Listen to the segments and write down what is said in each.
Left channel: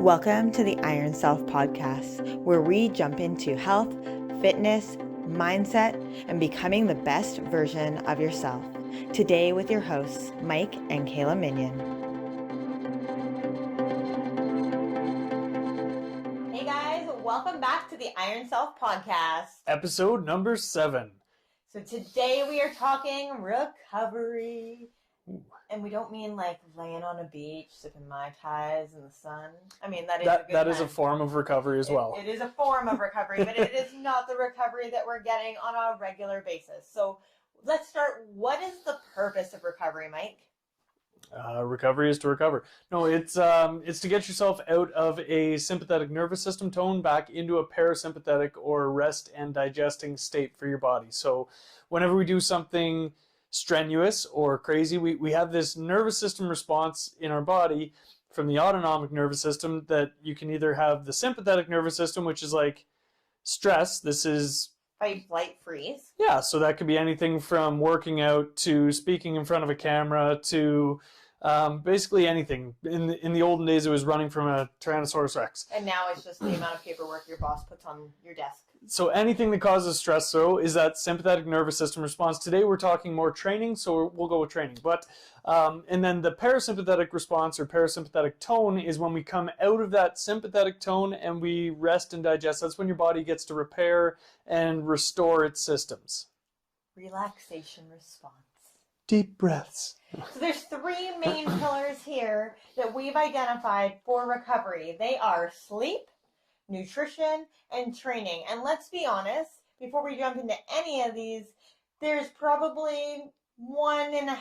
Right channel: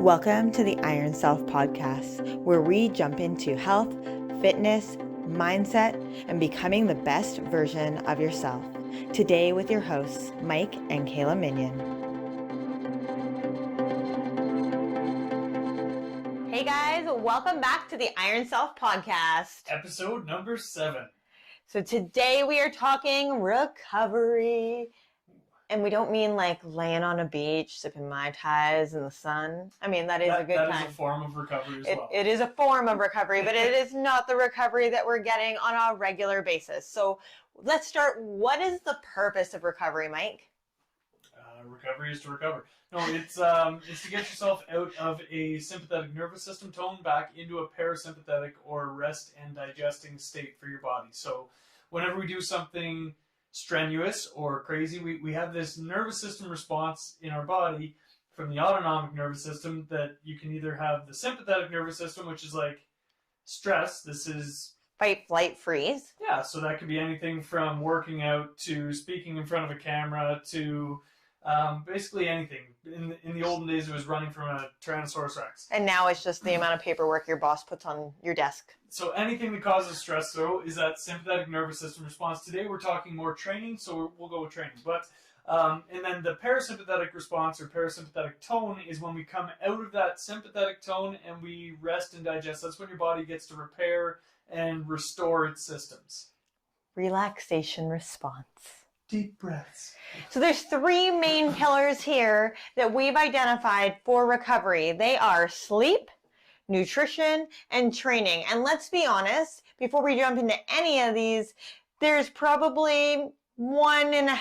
Welcome to the Iron Self podcast, where we jump into health, fitness, mindset, and becoming the best version of yourself. Today with your hosts, Mike and Kayla Minion. Hey guys, welcome back to the Iron Self podcast. Episode number 7. So today we are talking recovery. And we don't mean like laying on a beach, sipping Mai Tais in the sun. I mean, that is a good That time. is a form of recovery as well. It is a form of recovery, but it is not the recovery that we're getting on a regular basis. So let's start. What is the purpose of recovery, Mike? Recovery is to recover. No, it's to get yourself out of a sympathetic nervous system tone back into a parasympathetic or rest and digesting state for your body. So whenever we do something strenuous or crazy, we have this nervous system response in our body from the autonomic nervous system that you can either have the sympathetic nervous system, which is like stress. This is fight, flight, freeze. Yeah, so that could be anything from working out to speaking in front of a camera to basically anything. In the olden days, it was running from a Tyrannosaurus Rex. And now it's just the amount of paperwork your boss puts on your desk. So anything that causes stress, though, is that sympathetic nervous system response. Today, we're talking more training, so we'll go with training. But and then the parasympathetic response or parasympathetic tone is when we come out of that sympathetic tone and we rest and digest. That's when your body gets to repair and restore its systems. Relaxation response. Deep breaths. So there's 3 main pillars here that we've identified for recovery. They are sleep, nutrition, and training. And let's be honest, before we jump into any of these, there's probably 1.5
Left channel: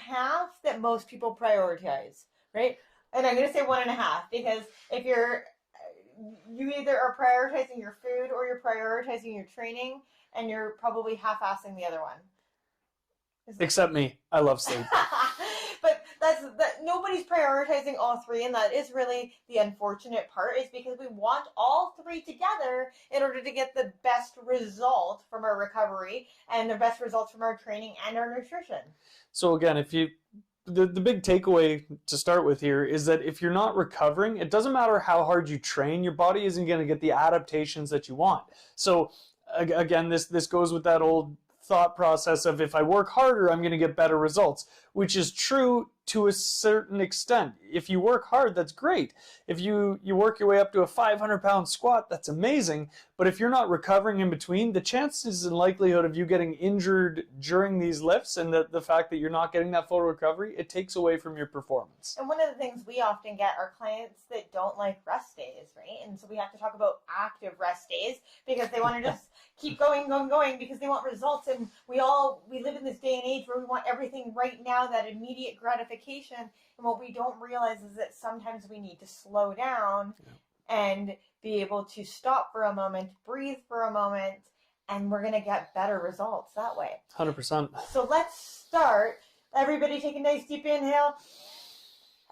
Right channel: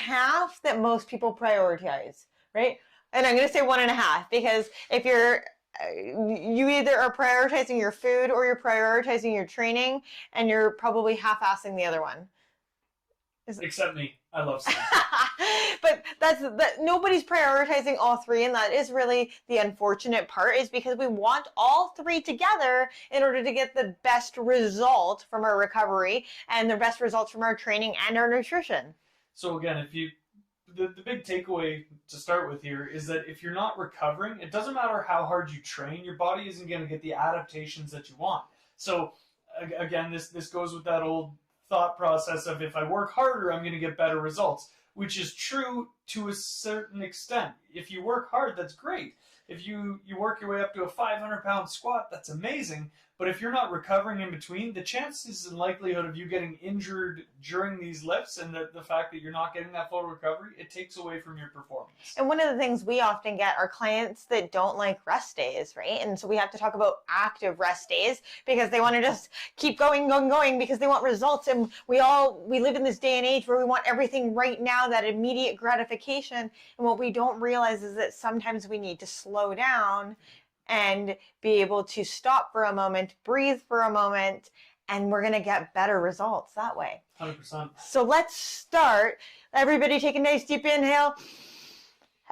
that most people prioritize, right? And I'm going to say 1.5 because if you either are prioritizing your food or you're prioritizing your training, and you're probably half-assing the other one. Except me. I love sleep. But nobody's prioritizing all 3, and that is really the unfortunate part, is because we want all 3 together in order to get the best result from our recovery and the best results from our training and our nutrition. So again, the big takeaway to start with here is that if you're not recovering, it doesn't matter how hard you train, your body isn't going to get the adaptations that you want. So again, this goes with that old thought process of if I work harder, I'm going to get better results, which is true to a certain extent. If you work hard, that's great. If you work your way up to a 500-pound squat, that's amazing. But if you're not recovering in between, the chances and likelihood of you getting injured during these lifts and the fact that you're not getting that full recovery, it takes away from your performance. And one of the things we often get are clients that don't like rest days, right? And so we have to talk about active rest days because they want to just keep going because they want results. And we live in this day and age where we want everything right now, that immediate gratification. And what we don't realize is that sometimes we need to slow down and be able to stop for a moment, breathe for a moment, and we're going to get better results that way. 100%. So let's start. Everybody take a nice deep inhale.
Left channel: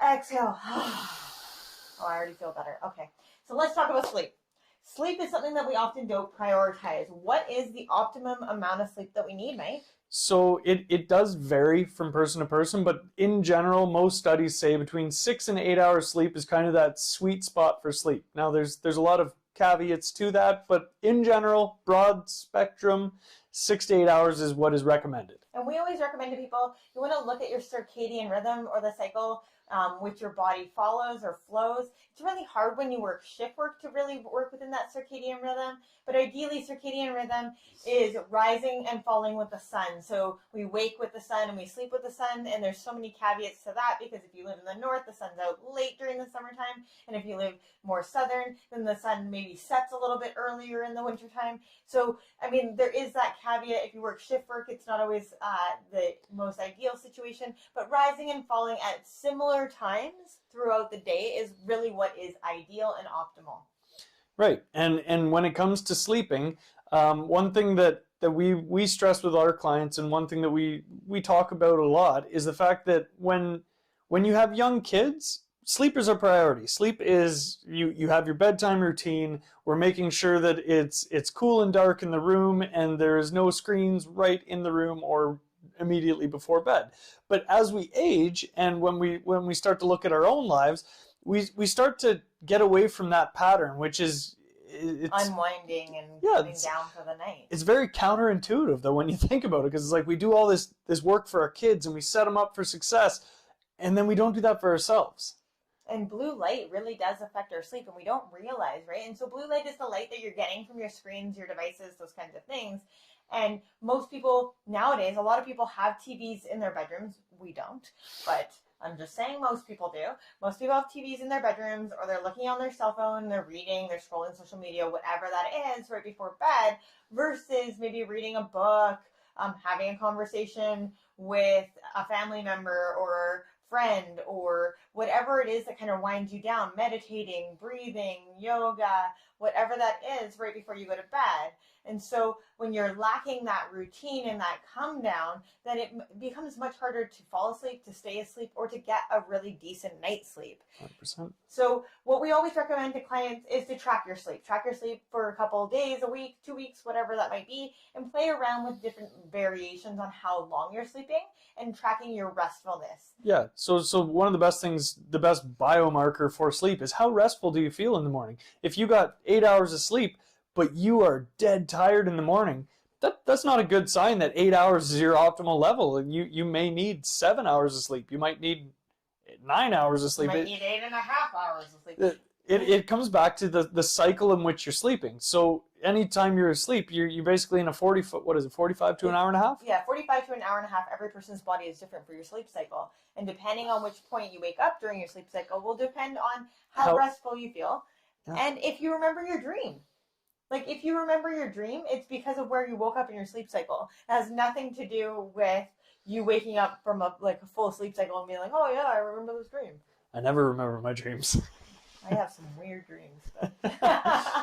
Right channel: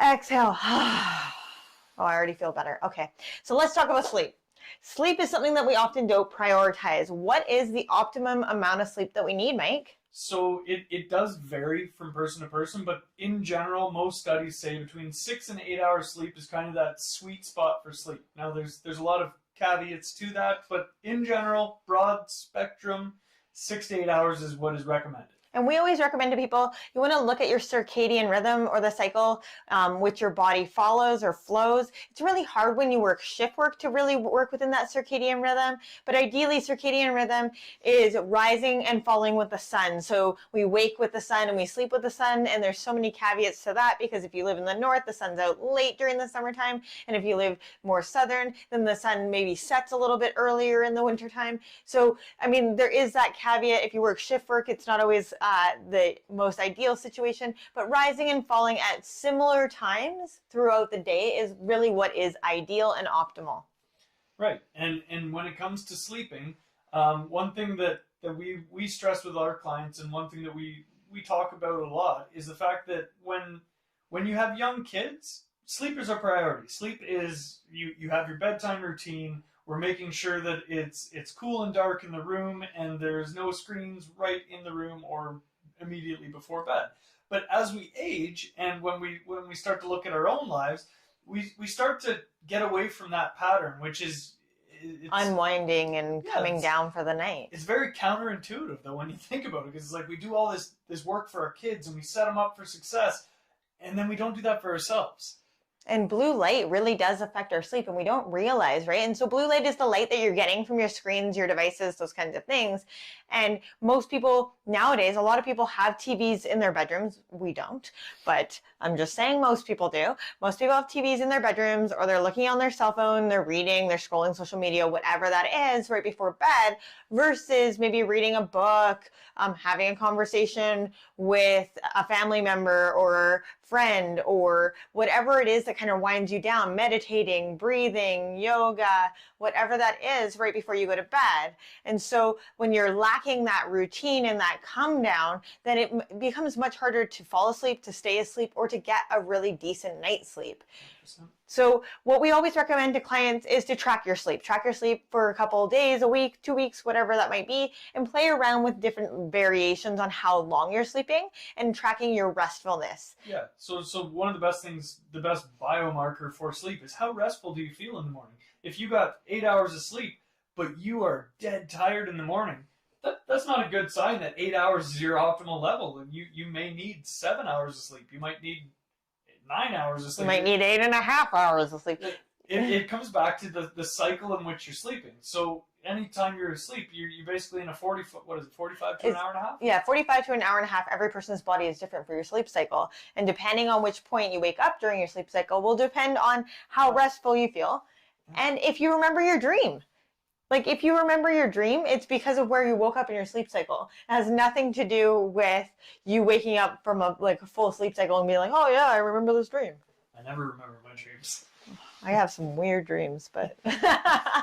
Exhale. Oh, I already feel better. Okay. So let's talk about sleep. Sleep is something that we often don't prioritize. What is the optimum amount of sleep that we need, Mike? So it does vary from person to person, but in general, most studies say between 6 and 8 hours sleep is kind of that sweet spot for sleep. Now, there's a lot of caveats to that, but in general, broad spectrum, 6 to 8 hours is what is recommended. And we always recommend to people, you want to look at your circadian rhythm or the cycle which your body follows or flows. It's really hard when you work shift work to really work within that circadian rhythm. But ideally, circadian rhythm is rising and falling with the sun. So we wake with the sun and we sleep with the sun. And there's so many caveats to that because if you live in the north, the sun's out late during the summertime. And if you live more southern, then the sun maybe sets a little bit earlier in the wintertime. So, I mean, there is that caveat. If you work shift work, it's not always the most ideal situation, but rising and falling at similar times throughout the day is really what is ideal and optimal. Right, and when it comes to sleeping, one thing that we stress with our clients, and one thing that we talk about a lot, is the fact that when you have young kids, sleep is a priority. Sleep is, you have your bedtime routine. We're making sure that it's cool and dark in the room and there's no screens right in the room or immediately before bed. But as we age and when we start to look at our own lives, we start to get away from that pattern, which is unwinding and coming down for the night. It's very counterintuitive though when you think about it, because it's like we do all this work for our kids and we set them up for success, and then we don't do that for ourselves. And blue light really does affect our sleep, and we don't realize, right? And so blue light is the light that you're getting from your screens, your devices, those kinds of things. And most people nowadays, a lot of people have TVs in their bedrooms. We don't, but I'm just saying most people do. Most people have TVs in their bedrooms, or they're looking on their cell phone, they're reading, they're scrolling social media, whatever that is, right before bed, versus maybe reading a book, having a conversation with a family member or friend, or whatever it is that kind of winds you down, meditating, breathing, yoga, whatever that is, right before you go to bed. And so when you're lacking that routine and that come down, then it becomes much harder to fall asleep, to stay asleep, or to get a really decent night's sleep. 100%. So what we always recommend to clients is to track your sleep. Track your sleep for a couple of days, a week, 2 weeks, whatever that might be, and play around with different variations on how long you're sleeping and tracking your restfulness. Yeah. So one of the best things, the best biomarker for sleep is how restful do you feel in the morning. If you got 8 hours of sleep, but you are dead tired in the morning, that's not a good sign that 8 hours is your optimal level. You may need 7 hours of sleep. You might need 9 hours of sleep. You might need 8.5 hours of sleep. It comes back to the cycle in which you're sleeping. So anytime you're asleep, you're basically in a 45 to an hour and a half? Yeah, 45 to an hour and a half. Every person's body is different for your sleep cycle. And depending on which point you wake up during your sleep cycle will depend on how restful you feel. Yeah. And if you remember your dream. Like, if you remember your dream, it's because of where you woke up in your sleep cycle. It has nothing to do with you waking up from a full sleep cycle and being like, oh yeah, I remember this dream. I never remember my dreams. I have some weird dreams, but...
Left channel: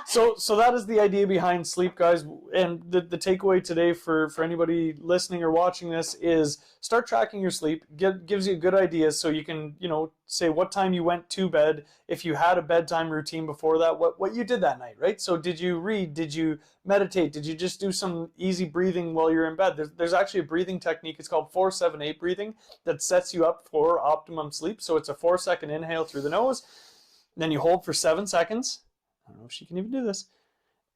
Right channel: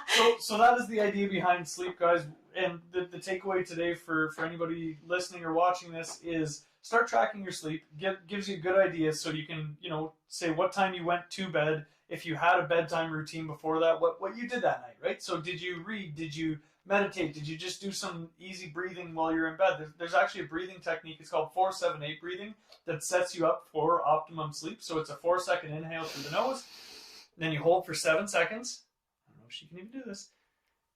So that is the idea behind sleep, guys. And the takeaway today for anybody listening or watching this is start tracking your sleep. Gives you a good idea so you can, say what time you went to bed. If you had a bedtime routine before that, what you did that night, right? So did you read? Did you meditate? Did you just do some easy breathing while you're in bed? There's actually a breathing technique. It's called 4-7-8 breathing that sets you up for optimum sleep. So it's a 4-second inhale through the nose. Then you hold for 7 seconds. I don't know if she can even do this.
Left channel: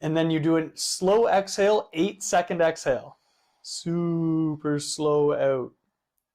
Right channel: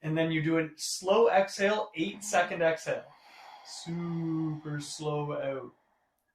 And then you do a slow exhale, 8-second exhale. Super slow out.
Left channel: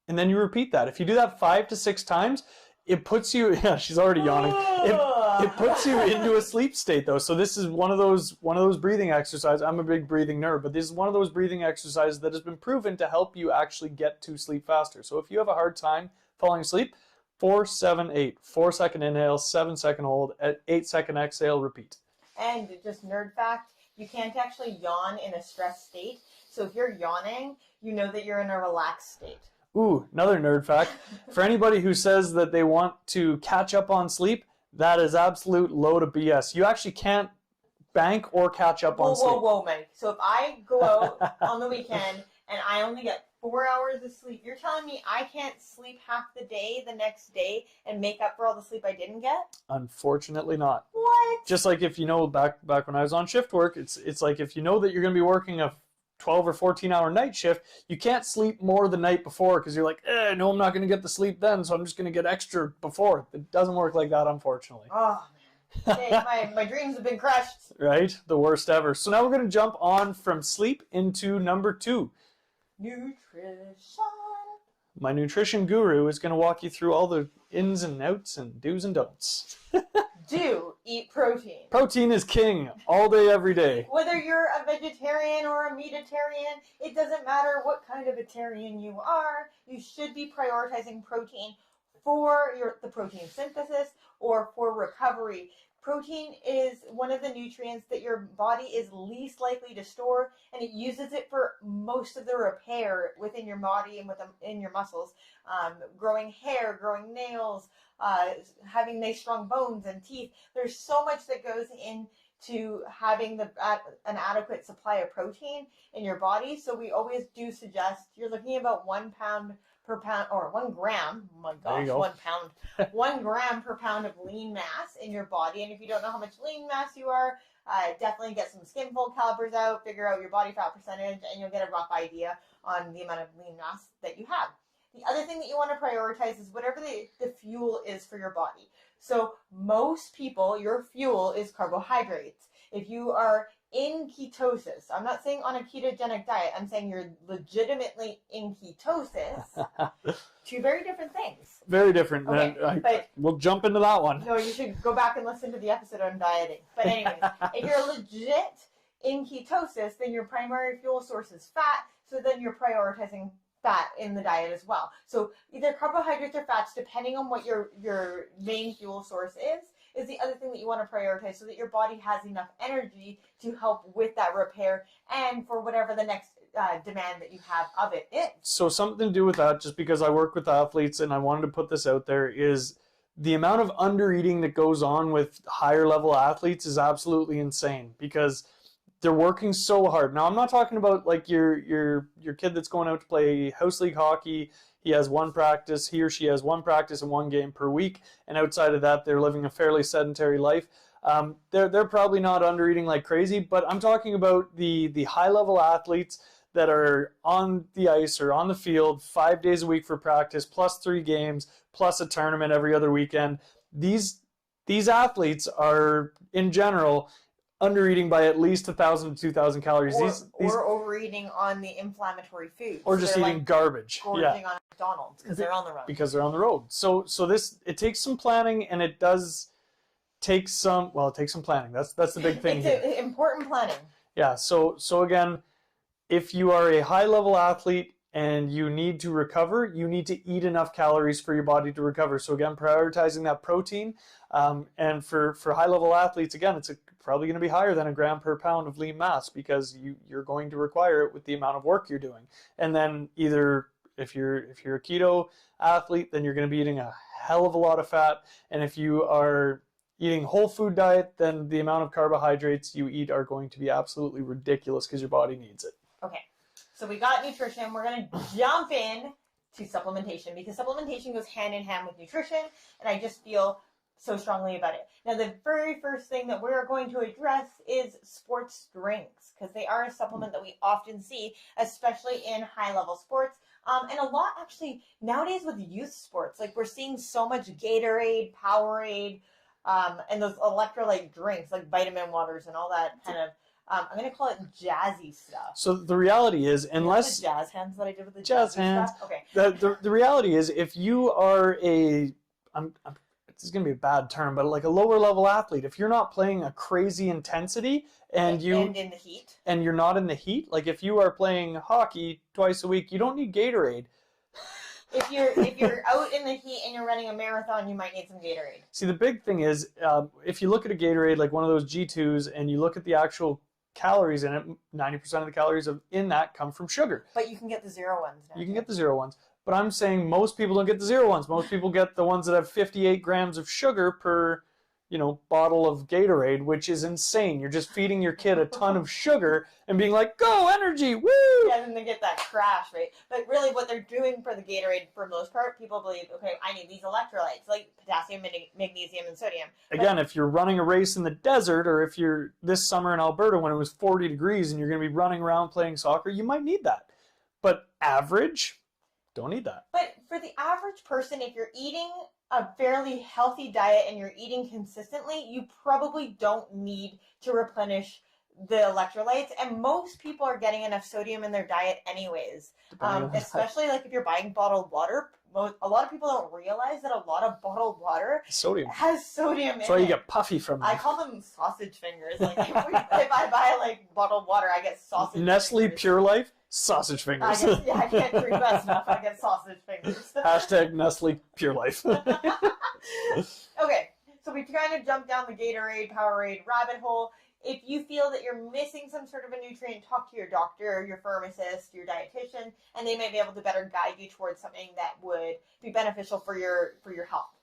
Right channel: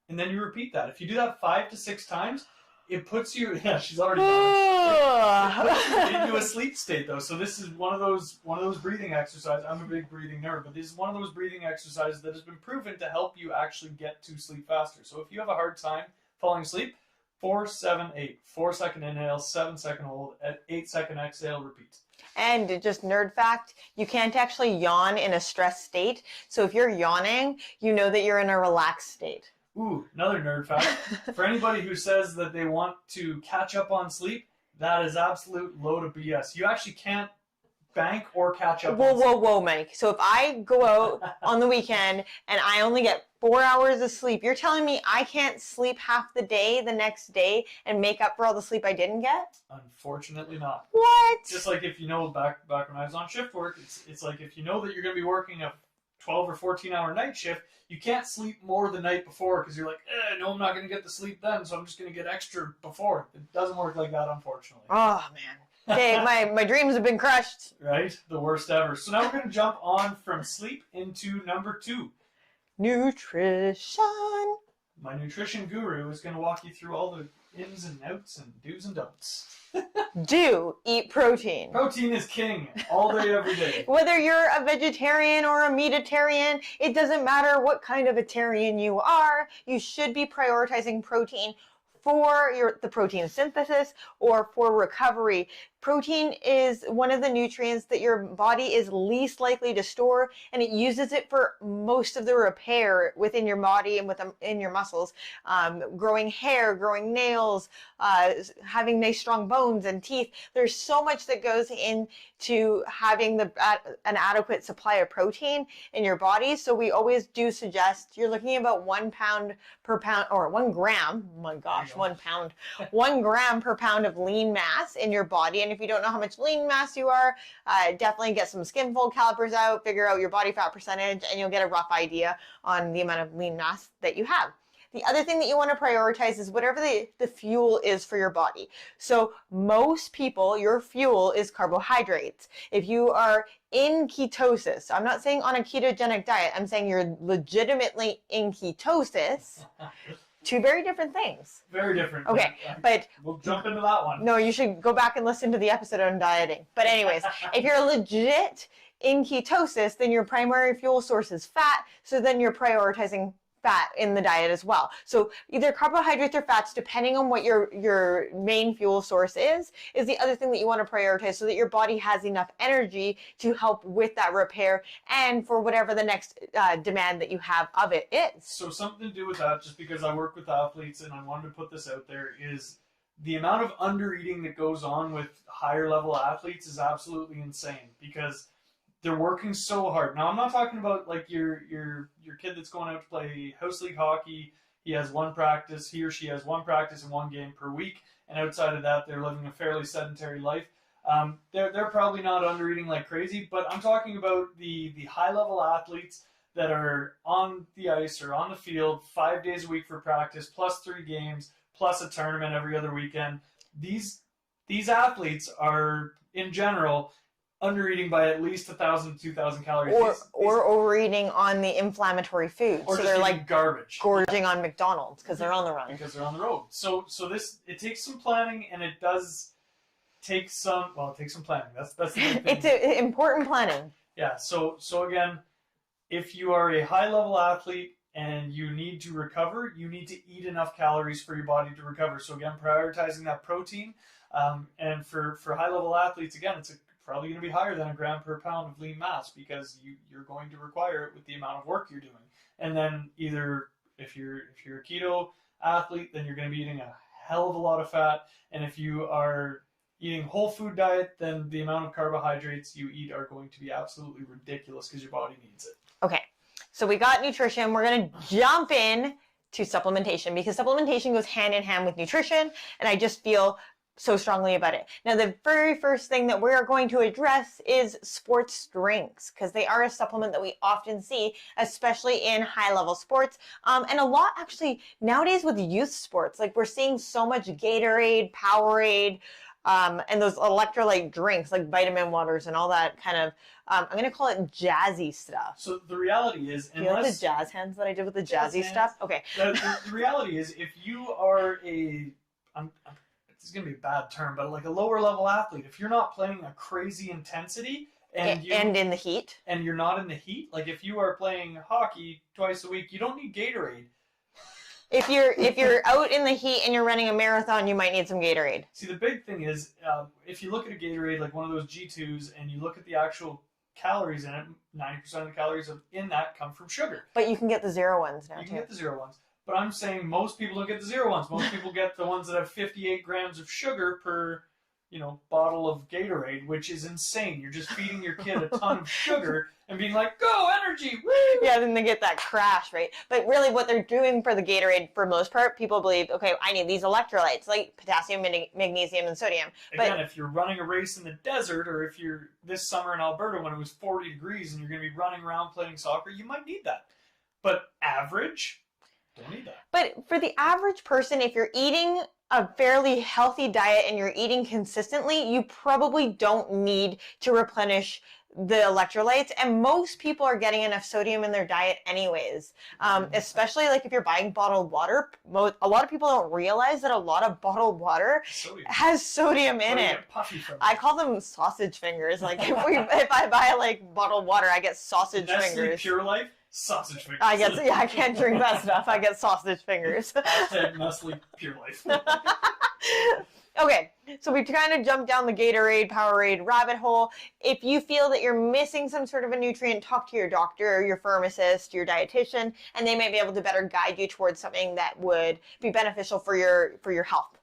And then you repeat that. If you do that 5 to 6 times, it puts you, yeah, she's already yawning. It puts you into a sleep state though. So this is one of those breathing exercises. I'm a big breathing nerd, but this is one of those breathing exercises that has been proven to help you actually get to sleep faster. So if you have a hard time falling asleep, 4-7-8, 4-second inhale, 7-second hold, at 8-second exhale, repeat. And just nerd fact, you can't actually yawn in a stressed state. So if you're yawning, you know that you're in a relaxed state. Ooh, another nerd fact. For anybody who says that they want to catch up on sleep, that is absolute load of BS. You actually can't bank or catch up on sleep. Whoa, Mike. So if I go out on the weekend and I only get 4 hours of sleep, you're telling me I can't sleep half the day the next day and make up for all the sleep I didn't get? Unfortunately not. What? Just like if back when I was on shift work, it's like if you know that you're going to be working a 12 or 14-hour night shift, you can't sleep more the night before because you're like, no, I'm not going to get the sleep then, so I'm just going to get extra before. It doesn't work like that, unfortunately. Oh, man. Hey, my dreams have been crushed. Right? The worst ever. So now we're going to jump on from sleep into number 2. Nutrition. My nutrition guru is going to walk you through all the ins and outs and do's and don'ts. Do eat protein. Protein is king all day, every day. Whether you're a vegetarian or a meatitarian, it doesn't matter what kind of a tarian you are, you should be prioritizing protein for the protein synthesis or for recovery. Protein is one of the nutrients that your body is least likely to store, and it uses it for most of the repair within your body and in your muscles. Growing hair, growing nails, having nice strong bones and teeth. There's so much that goes into having an adequate supply of protein in your body. So we always do suggest you're looking at about 1 pound per pound, or 1 gram. Oh my gosh, 1 pound. 1 gram per pound of lean mass in your body. And if you don't know how much lean mass you are, definitely get some skin fold calipers out, figure out your body fat percentage, and you'll get a rough idea on the amount of lean mass that you have. The other thing that you want to prioritize is whatever the fuel is for your body. So most people, your fuel is carbohydrates. If you are in ketosis, I'm not saying on a ketogenic diet, I'm saying you're legitimately in ketosis. Two very different things. Very different. Okay, but we'll jump into that one. No, you should go back and listen to the episode on dieting. But anyways, if you're legit in ketosis, then your primary fuel source is fat. So then you're prioritizing fat in the diet as well. So either carbohydrates or fats, depending on what your main fuel source is the other thing that you want to prioritize so that your body has enough energy to help with that repair and for whatever the next demand that you have of it is. So something to do with that, just because I work with athletes and I wanted to put this out there, is the amount of undereating that goes on with higher level athletes is absolutely insane because they're working so hard. Now, I'm not talking about like your kid that's going out to play house league hockey. He has one practice, he or she has one practice and one game per week, and outside of that, they're living a fairly sedentary life. They're probably not undereating like crazy, but I'm talking about the high level athletes that are on the ice or on the field 5 days a week for practice, plus 3 games, plus a tournament every other weekend. These athletes are, in general, undereating by at least 1,000 to 2,000 calories. Or overeating on the inflammatory foods. Or so just eating like garbage. Gorging on McDonald's because they're on the run. Because they're on the road. So this, it takes some planning, and it does take some, well, it takes some planning. That's the big thing. It's important planning. Yeah, so again, if you are a high level athlete and you need to recover, you need to eat enough calories for your body to recover. So again, prioritizing that protein. And for high level athletes, again, it's probably going to be higher than a gram per pound of lean mass because you're going to require it with the amount of work you're doing. And then either if you're a keto athlete, then you're going to be eating a hell of a lot of fat. And if you are eating whole food diet, then the amount of carbohydrates you eat are going to be absolutely ridiculous because your body needs it. Okay, so we got nutrition. We're going to jump in to supplementation because supplementation goes hand in hand with nutrition, and I just feel so strongly about it. Now, the very first thing that we're going to address is sports drinks because they are a supplement that we often see, especially in high-level sports, and a lot actually nowadays with youth sports. Like we're seeing so much Gatorade, Powerade, and those electrolyte drinks like vitamin waters and all that kind of, I'm going to call it jazzy stuff. So the reality is, unless... You know the jazz hands that I did with the jazzy stuff? Okay. The reality is, if you are this is going to be a bad term, but like a lower level athlete, if you're not playing a crazy intensity and in the heat, and you're not in the heat, like if you are playing hockey twice a week, you don't need Gatorade. If you're out in the heat and you're running a marathon, you might need some Gatorade. See, the big thing is, if you look at a Gatorade, like one of those G2s, and you look at the actual calories in it, 90% of the calories in that come from sugar. But you can get the 0 ones now. You can get the 0 ones. But I'm saying most people don't get the 0 ones. Most people get the ones that have 58 grams of sugar per, bottle of Gatorade, which is insane. You're just feeding your kid a ton of sugar and being like, go, energy, woo! Yeah, then they get that crash, right? But really what they're doing for the Gatorade, for most part, people believe, okay, I need these electrolytes, like potassium, magnesium, and sodium. Again, if you're running a race in the desert, or if you're this summer in Alberta when it was 40 degrees and you're going to be running around playing soccer, you might need that. But average... don't need that. But for the average person, if you're eating a fairly healthy diet and you're eating consistently, you probably don't need to replenish the electrolytes. And most people are getting enough sodium in their diet anyways. Especially like if you're buying bottled water. A lot of people don't realize that a lot of bottled water has sodium in it. That's why you get puffy from them. I call them sausage fingers. Like if I buy like bottled water, I get sausage fingers. Nestle Pure Life. Sausage fingers. I guess, yeah, I can't drink fast enough. I get sausage fingers. Hashtag Nestle Pure Life. Okay, so we kind of jumped down the Gatorade, Powerade rabbit hole. If you feel that you're missing some sort of a nutrient, talk to your doctor, your pharmacist, your dietitian, and they might be able to better guide you towards something that would be beneficial for your health.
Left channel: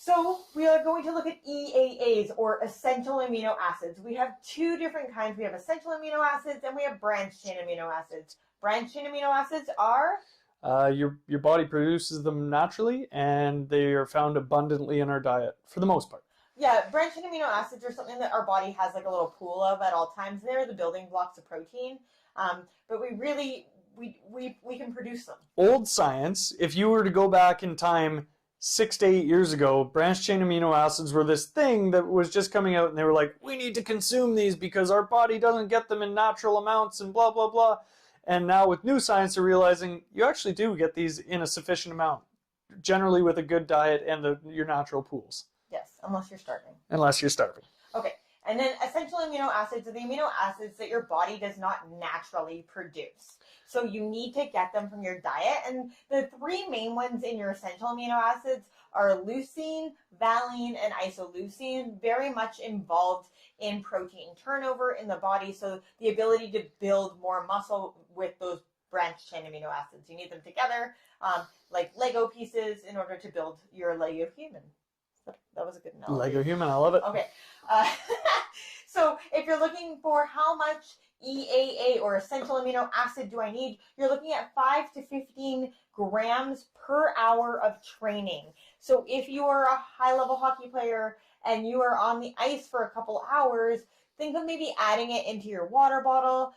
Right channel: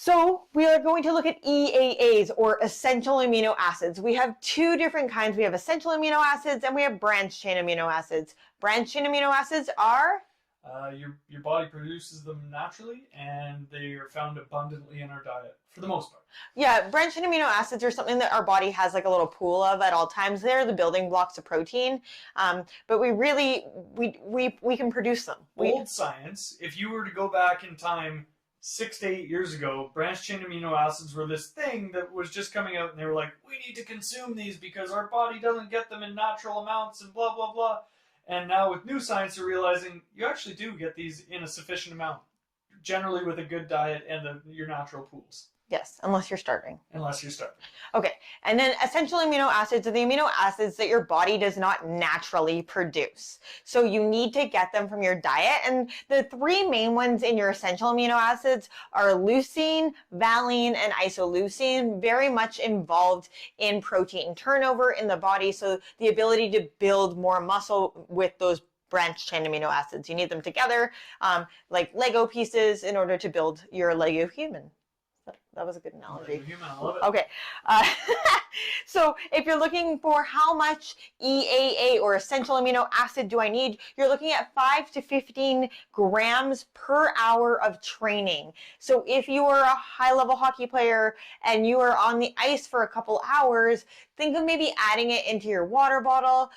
So we are going to look at EAAs, or essential amino acids. We have 2 different kinds. We have essential amino acids and we have branched chain amino acids. Branched chain amino acids are Your body produces them naturally, and they are found abundantly in our diet for the most part. Yeah, branched chain amino acids are something that our body has like a little pool of at all times. They're the building blocks of protein, but we can produce them. Old science, if you were to go back in time 6 to 8 years ago, branched chain amino acids were this thing that was just coming out, and they were like, we need to consume these because our body doesn't get them in natural amounts and blah, blah, blah. And now with new science, they're realizing you actually do get these in a sufficient amount, generally with a good diet and your natural pools. Yes, unless you're starving. Unless you're starving. Okay, and then essential amino acids are the amino acids that your body does not naturally produce. So you need to get them from your diet. And the three main ones in your essential amino acids are leucine, valine, and isoleucine, very much involved in protein turnover in the body. So the ability to build more muscle with those branched chain amino acids. You need them together, like Lego pieces, in order to build your Lego human. That was a good analogy. Lego human, I love it. Okay. So if you're looking for how much EAA or essential amino acid do I need, you're looking at 5 to 15 grams per hour of training. So if you are a high-level hockey player and you are on the ice for a couple hours, think of maybe adding it into your water bottle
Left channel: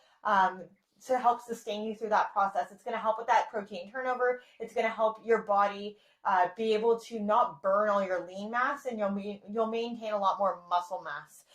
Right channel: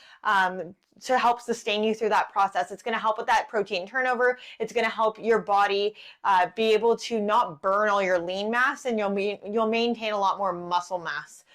to help sustain you through that process. It's going to help with that protein turnover. It's going to help your body be able to not burn all your lean mass, and you'll maintain a lot more muscle mass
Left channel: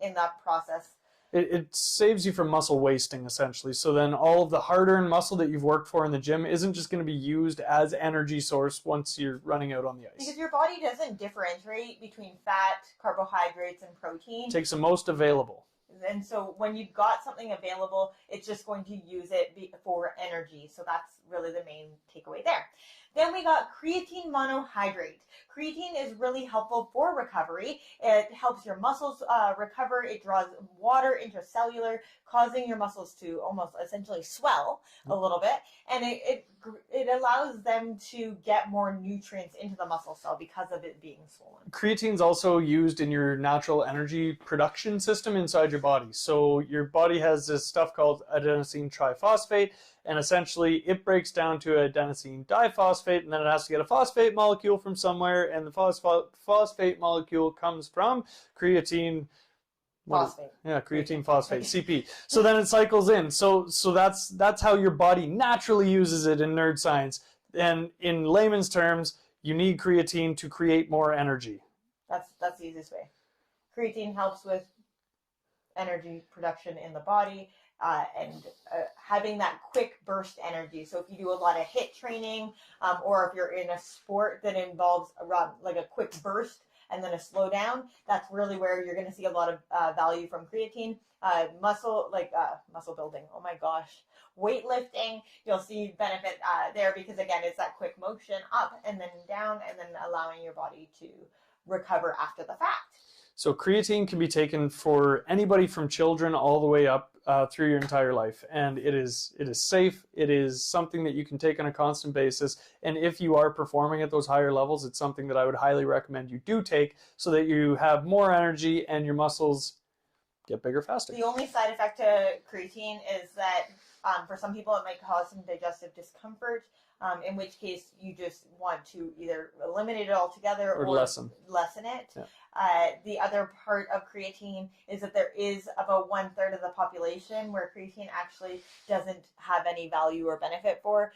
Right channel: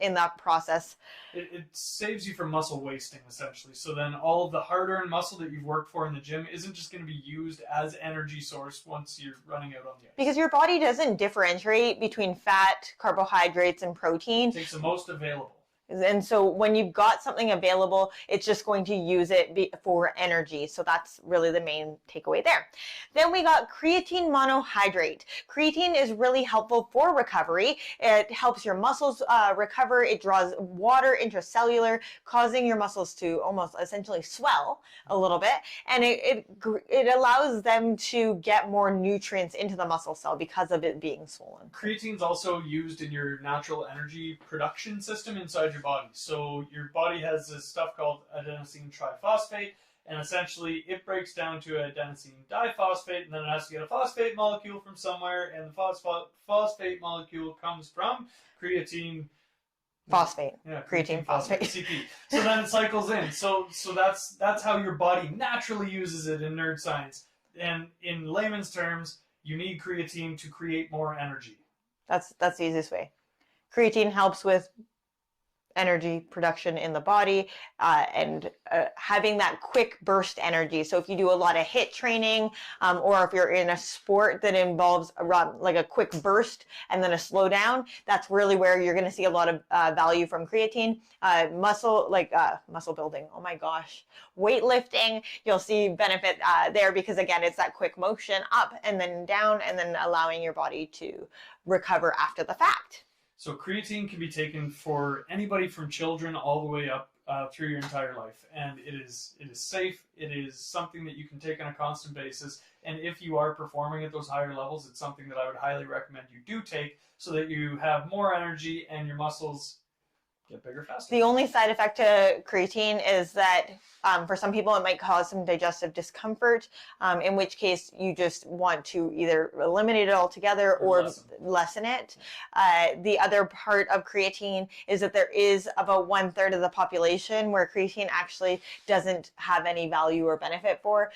in that process. It saves you from muscle wasting, essentially. So then all of the hard-earned muscle that you've worked for in the gym isn't just going to be used as energy source once you're running out on the ice. Because your body doesn't differentiate between fat, carbohydrates, and protein. It takes the most available. And so when you've got something available, it's just going to use it for energy. So that's really the main takeaway there. Then we got creatine monohydrate. Creatine is really helpful for recovery. It helps your muscles recover. It draws water intracellular, causing your muscles to almost essentially swell a little bit. And it allows them to get more nutrients into the muscle cell because of it being swollen. Creatine is also used in your natural energy production system inside your body. So your body has this stuff called adenosine triphosphate, and essentially it breaks down to adenosine diphosphate, and then it has to get a phosphate molecule from somewhere, and the phosphate molecule comes from creatine phosphate. Yeah, creatine phosphate, CP. So then it cycles in. So that's how your body naturally uses it in nerd science. And in layman's terms, you need creatine to create more energy. That's the easiest way. Creatine helps with energy production in the body and having that quick burst energy. So if you do a lot of HIIT training or if you're in a sport that involves like a quick burst and then a slowdown, that's really where you're going to see a lot of value from creatine. Muscle building, oh my gosh, weightlifting, you'll see benefit there because again, it's that quick motion up and then down and then allowing your body to recover after the fact. So creatine can be taken for anybody from children all the way up through your entire life, and it is safe. It is something that you can take on a constant basis, and if you are performing at those higher levels, it's something that I would highly recommend you do take so that you have more energy and your muscles get bigger faster. The only side effect to creatine is that for some people it might cause some digestive discomfort, in which case you just want to either eliminate it altogether or lessen it. Yeah. The other part of creatine is that there is about 1/3 of the population where creatine actually doesn't have any value or benefit for.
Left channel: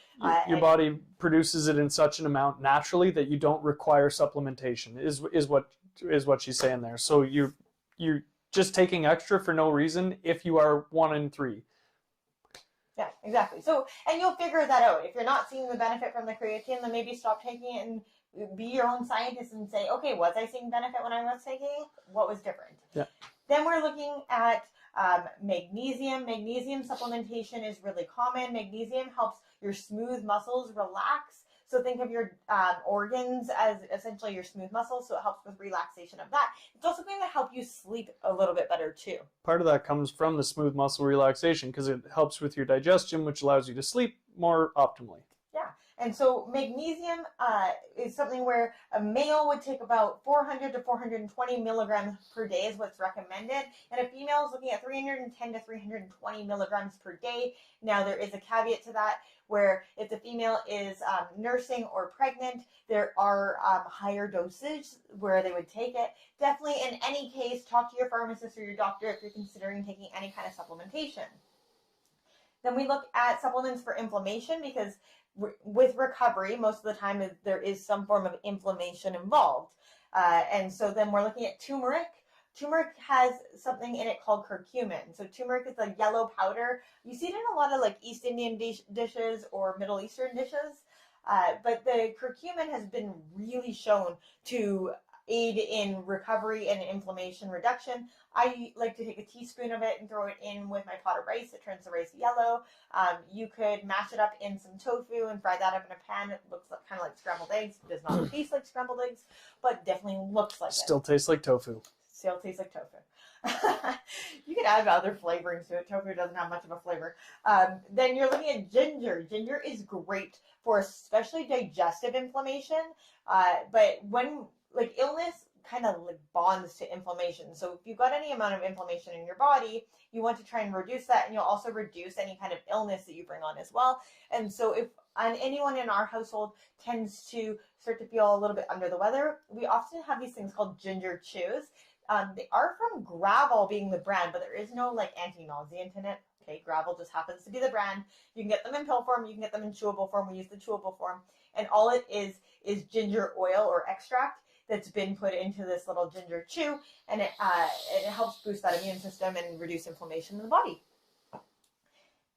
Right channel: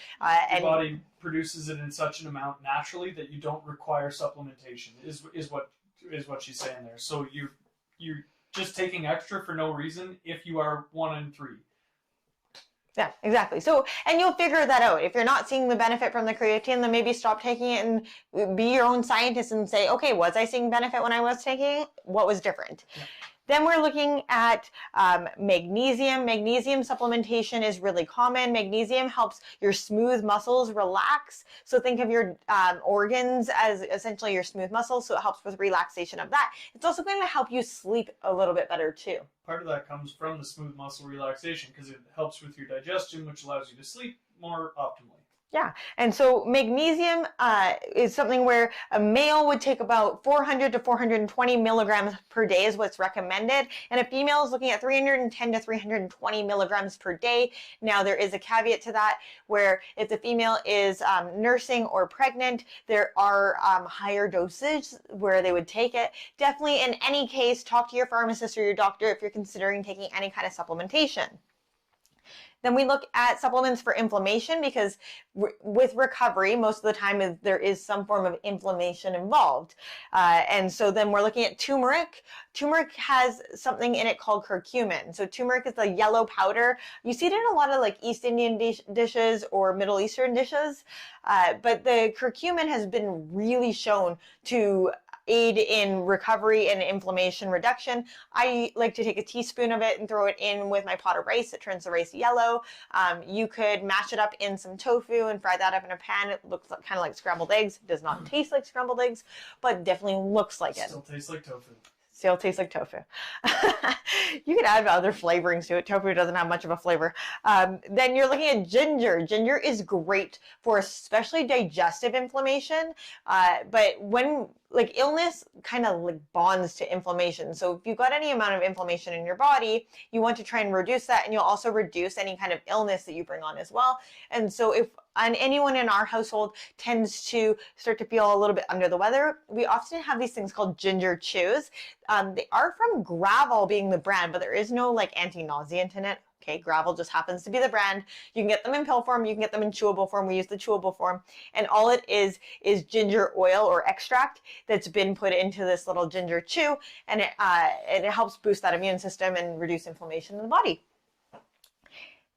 Your body produces it in such an amount naturally that you don't require supplementation, is what she's saying there. So you're just taking extra for no reason if you are 1 in 3. Yeah, exactly. So, and you'll figure that out. If you're not seeing the benefit from the creatine, then maybe stop taking it and be your own scientist and say, okay, was I seeing benefit when I was taking it? What was different? Yeah. Then we're looking at magnesium. Magnesium supplementation is really common. Magnesium helps your smooth muscles relax. So think of your organs as essentially your smooth muscles. So it helps with relaxation of that. It's also going to help you sleep a little bit better too. Part of that comes from the smooth muscle relaxation because it helps with your digestion, which allows you to sleep more optimally. Yeah, and so magnesium is something where a male would take about 400 to 420 milligrams per day is what's recommended, and a female is looking at 310 to 320 milligrams per day. Now, there is a caveat to that, where if the female is nursing or pregnant, there are higher dosage where they would take it. Definitely, in any case, talk to your pharmacist or your doctor if you're considering taking any kind of supplementation. Then we look at supplements for inflammation, because with recovery, most of the time there is some form of inflammation involved. And so then we're looking at turmeric. Turmeric has something in it called curcumin. So turmeric is a yellow powder. You see it in a lot of like East Indian dishes or Middle Eastern dishes. But the curcumin has been really shown to aid in recovery and inflammation reduction. I like to take a teaspoon of it and throw it in with my pot of rice. It turns the rice yellow. You could mash it up in some tofu and fry that up in a pan. It looks kind of like scrambled eggs. It does not taste like scrambled eggs, but definitely looks like it. Still tastes like tofu. Still tastes like tofu. You could add other flavorings to it. Tofu doesn't have much of a flavor. Then you're looking at ginger. Ginger is great for especially digestive inflammation. But when like illness kind of like bonds to inflammation. So if you've got any amount of inflammation in your body, you want to try and reduce that, and you'll also reduce any kind of illness that you bring on as well. And so if anyone in our household tends to start to feel a little bit under the weather, we often have these things called ginger chews. They are from Gravel being the brand, but there is no like anti-nauseant in it. Okay, Gravel just happens to be the brand. You can get them in pill form, you can get them in chewable form. We use the chewable form, and all it is ginger oil or extract that's been put into this little ginger chew, and it helps boost that immune system and reduce inflammation in the body.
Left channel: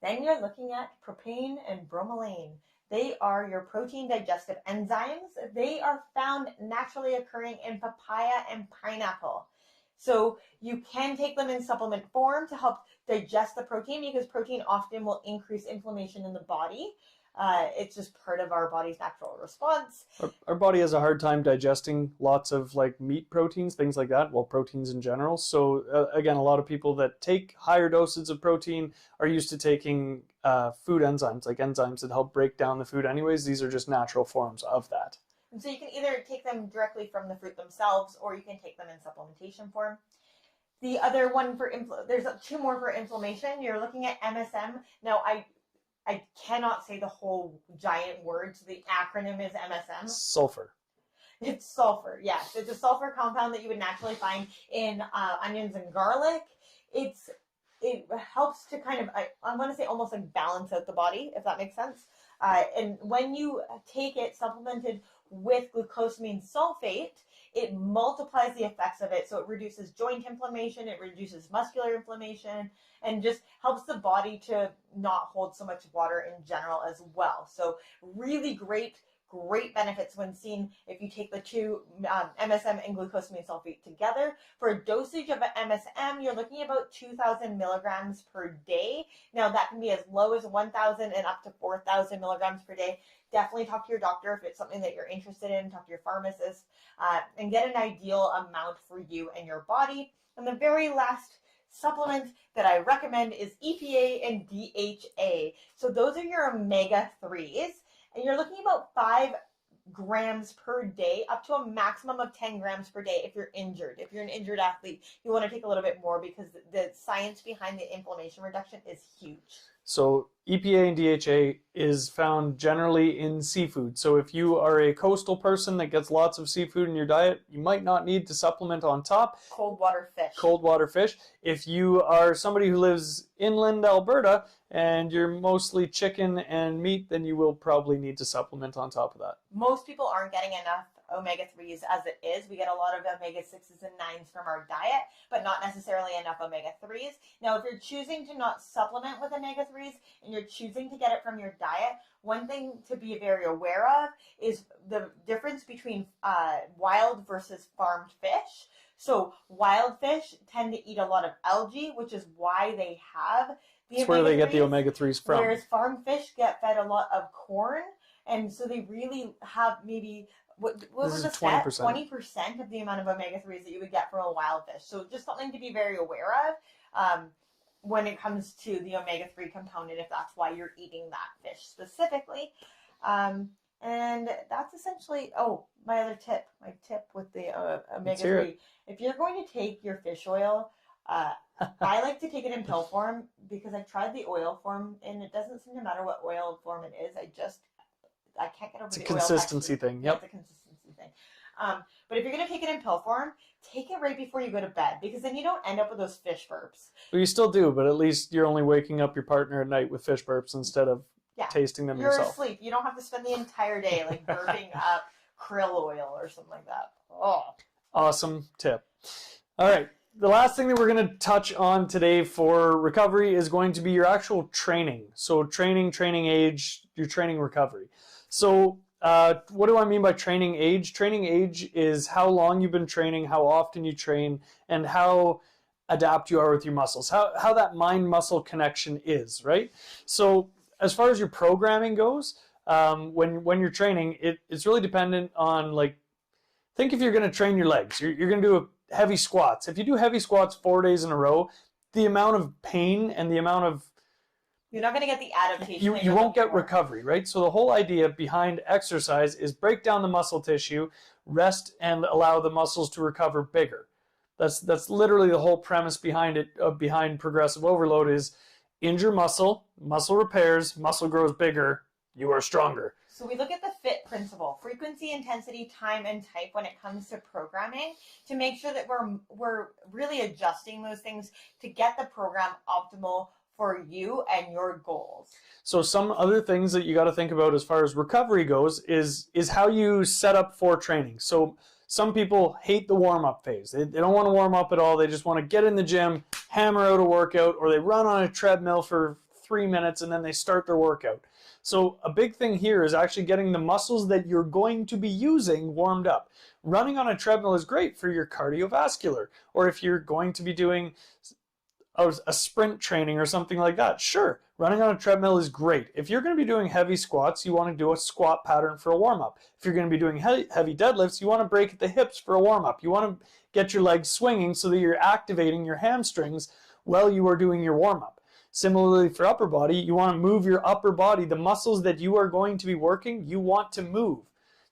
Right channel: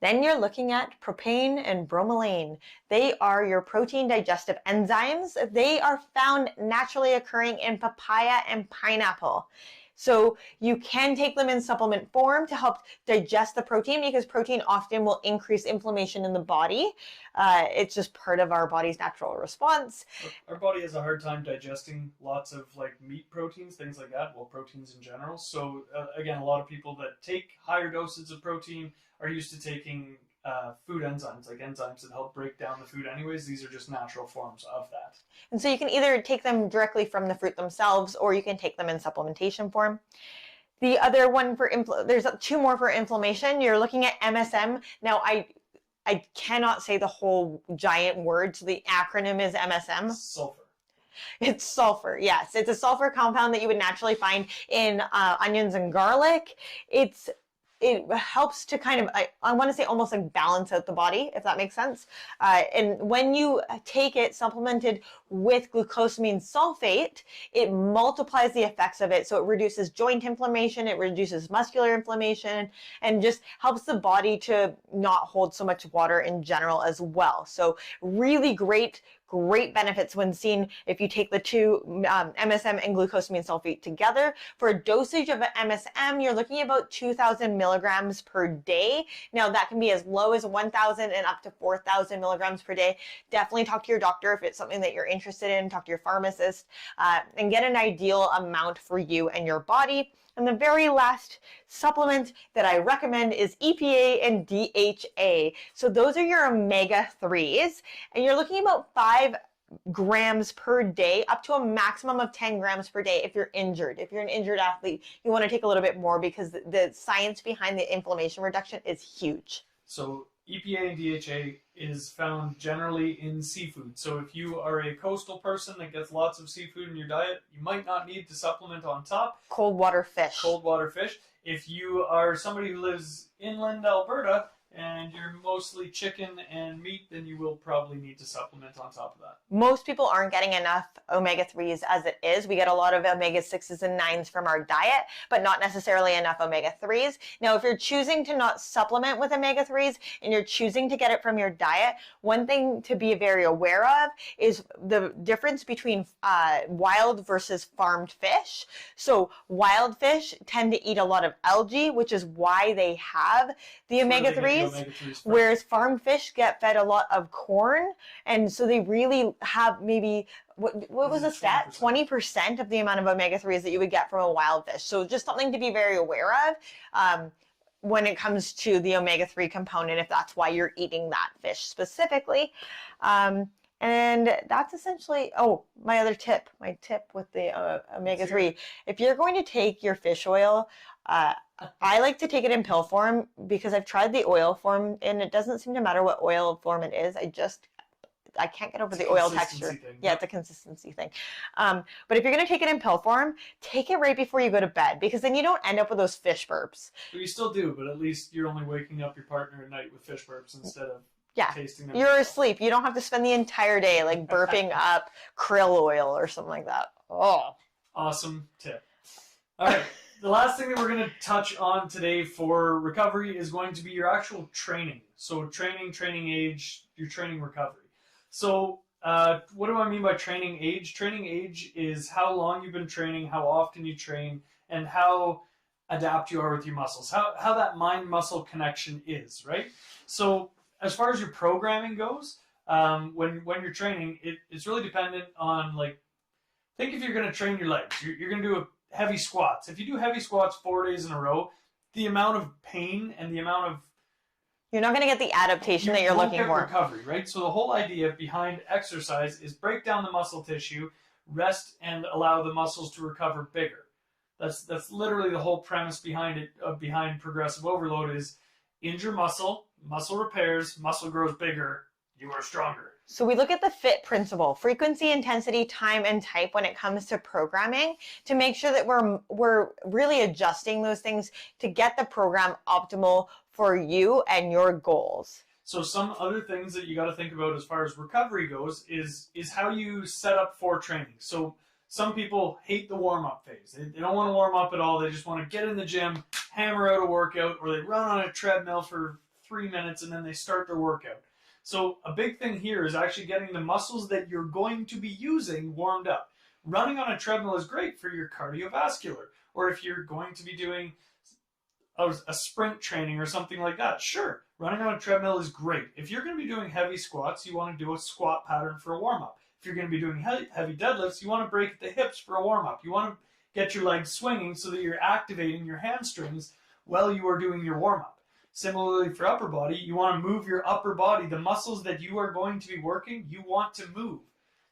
Then you're looking at propane and bromelain. They are your protein digestive enzymes. They are found naturally occurring in papaya and pineapple. So you can take them in supplement form to help digest the protein, because protein often will increase inflammation in the body. It's just part of our body's natural response. Our body has a hard time digesting lots of like meat proteins, things like that, well, proteins in general. So again, a lot of people that take higher doses of protein are used to taking food enzymes, like enzymes that help break down the food anyways. These are just natural forms of that. And so you can either take them directly from the fruit themselves, or you can take them in supplementation form. The other one for there's two more for inflammation. You're looking at MSM. Now, I cannot say the whole giant word, so the acronym is MSM. Sulfur. It's sulfur, yes. It's a sulfur compound that you would naturally find in onions and garlic. It helps to kind of, I want to say almost like balance out the body, if that makes sense. And when you take it supplemented with glucosamine sulfate, it multiplies the effects of it. So it reduces joint inflammation, it reduces muscular inflammation, and just helps the body to not hold so much water in general as well. So really great benefits when seen if you take the two MSM and glucosamine sulfate together. For a dosage of MSM, you're looking at about 2,000 milligrams per day. Now, that can be as low as 1,000 and up to 4,000 milligrams per day. Definitely talk to your doctor if it's something that you're interested in. Talk to your pharmacist and get an ideal amount for you and your body. And the very last supplement that I recommend is EPA and DHA. So those are your omega-3s, and you're looking at about 5 grams per day, up to a maximum of 10 grams per day if you're injured. If you're an injured athlete, you want to take a little bit more, because the science behind the inflammation reduction is huge. So EPA and DHA is found generally in seafood. So if you are a coastal person that gets lots of seafood in your diet, you might not need to supplement on top. Cold water fish. Cold water fish. If you are somebody who lives inland Alberta and you're mostly chicken and meat, then you will probably need to supplement on top of that. Most people aren't getting enough omega-3s as it is. We get a lot of omega-6s and 9s from our diet, but not necessarily enough omega-3s. Now, if you're choosing to not supplement with omega-3s and you're choosing to get it from your diet, one thing to be very aware of is the difference between wild versus farmed fish. So wild fish tend to eat a lot of algae, which is why they have the omega-3s, whereas farmed fish get fed a lot of corn, and so they really have maybe what was the stat? 20% of the amount of omega-3s that you would get from a wild fish. So just something to be very aware of when it comes to the omega-3 component, if that's why you're eating that fish specifically. And that's essentially, oh, my other tip, my tip with the omega-3. If you're going to take your fish oil, I like to take it in pill form because I've tried the oil form and it doesn't seem to matter what oil form it is. I can't get over the oil texture. Thing. Yeah, it's a consistency thing. But if you're going to take it in pill form, take it right before you go to bed because then you don't end up with those fish burps. Well, you still do, but at least you're only waking up your partner at night with fish burps instead of tasting them You're yourself. asleep. You don't have to spend the entire day like burping up krill oil or something like that. Oh. Awesome tip. All right. The last thing that we're going to touch on today for recovery is going to be your actual training. So training age, your training recovery. So what do I mean by training age? Training age is how long you've been training, how often you train, and how adapt you are with your muscles, how that mind-muscle connection is, right? So as far as your programming goes, when you're training, it's really dependent on, like, think if you're going to train your legs. You're going to do heavy squats. If you do heavy squats 4 days in a row, the amount of pain and the amount of you're not going to get the adaptation that you're looking for. You won't get recovery, right? So the whole idea behind exercise is break down the muscle tissue, rest, and allow the muscles to recover bigger. That's literally the whole premise behind it. Behind progressive overload is injure muscle repairs, muscle grows bigger, you are stronger. So we look at the FIT principle, frequency, intensity, time, and type when it comes to programming to make sure that we're really adjusting those things to get the program optimal for you and your goals. So some other things that you got to think about as far as recovery goes is how you set up for training. So some people hate the warm-up phase. They don't want to warm up at all. They just want to get in the gym, hammer out a workout, or they run on a treadmill for 3 minutes and then they start their workout. So a big thing here is actually getting the muscles that you're going to be using warmed up. Running on a treadmill is great for your cardiovascular, or if you're going to be doing a sprint training or something like that. Sure, running on a treadmill is great. If you're going to be doing heavy squats, you want to do a squat pattern for a warm-up. If you're going to be doing heavy deadlifts, you want to break at the hips for a warm-up. You want to get your legs swinging so that you're activating your hamstrings while you are doing your warm-up. Similarly for upper body, you want to move your upper body. The muscles that you are going to be working, you want to move.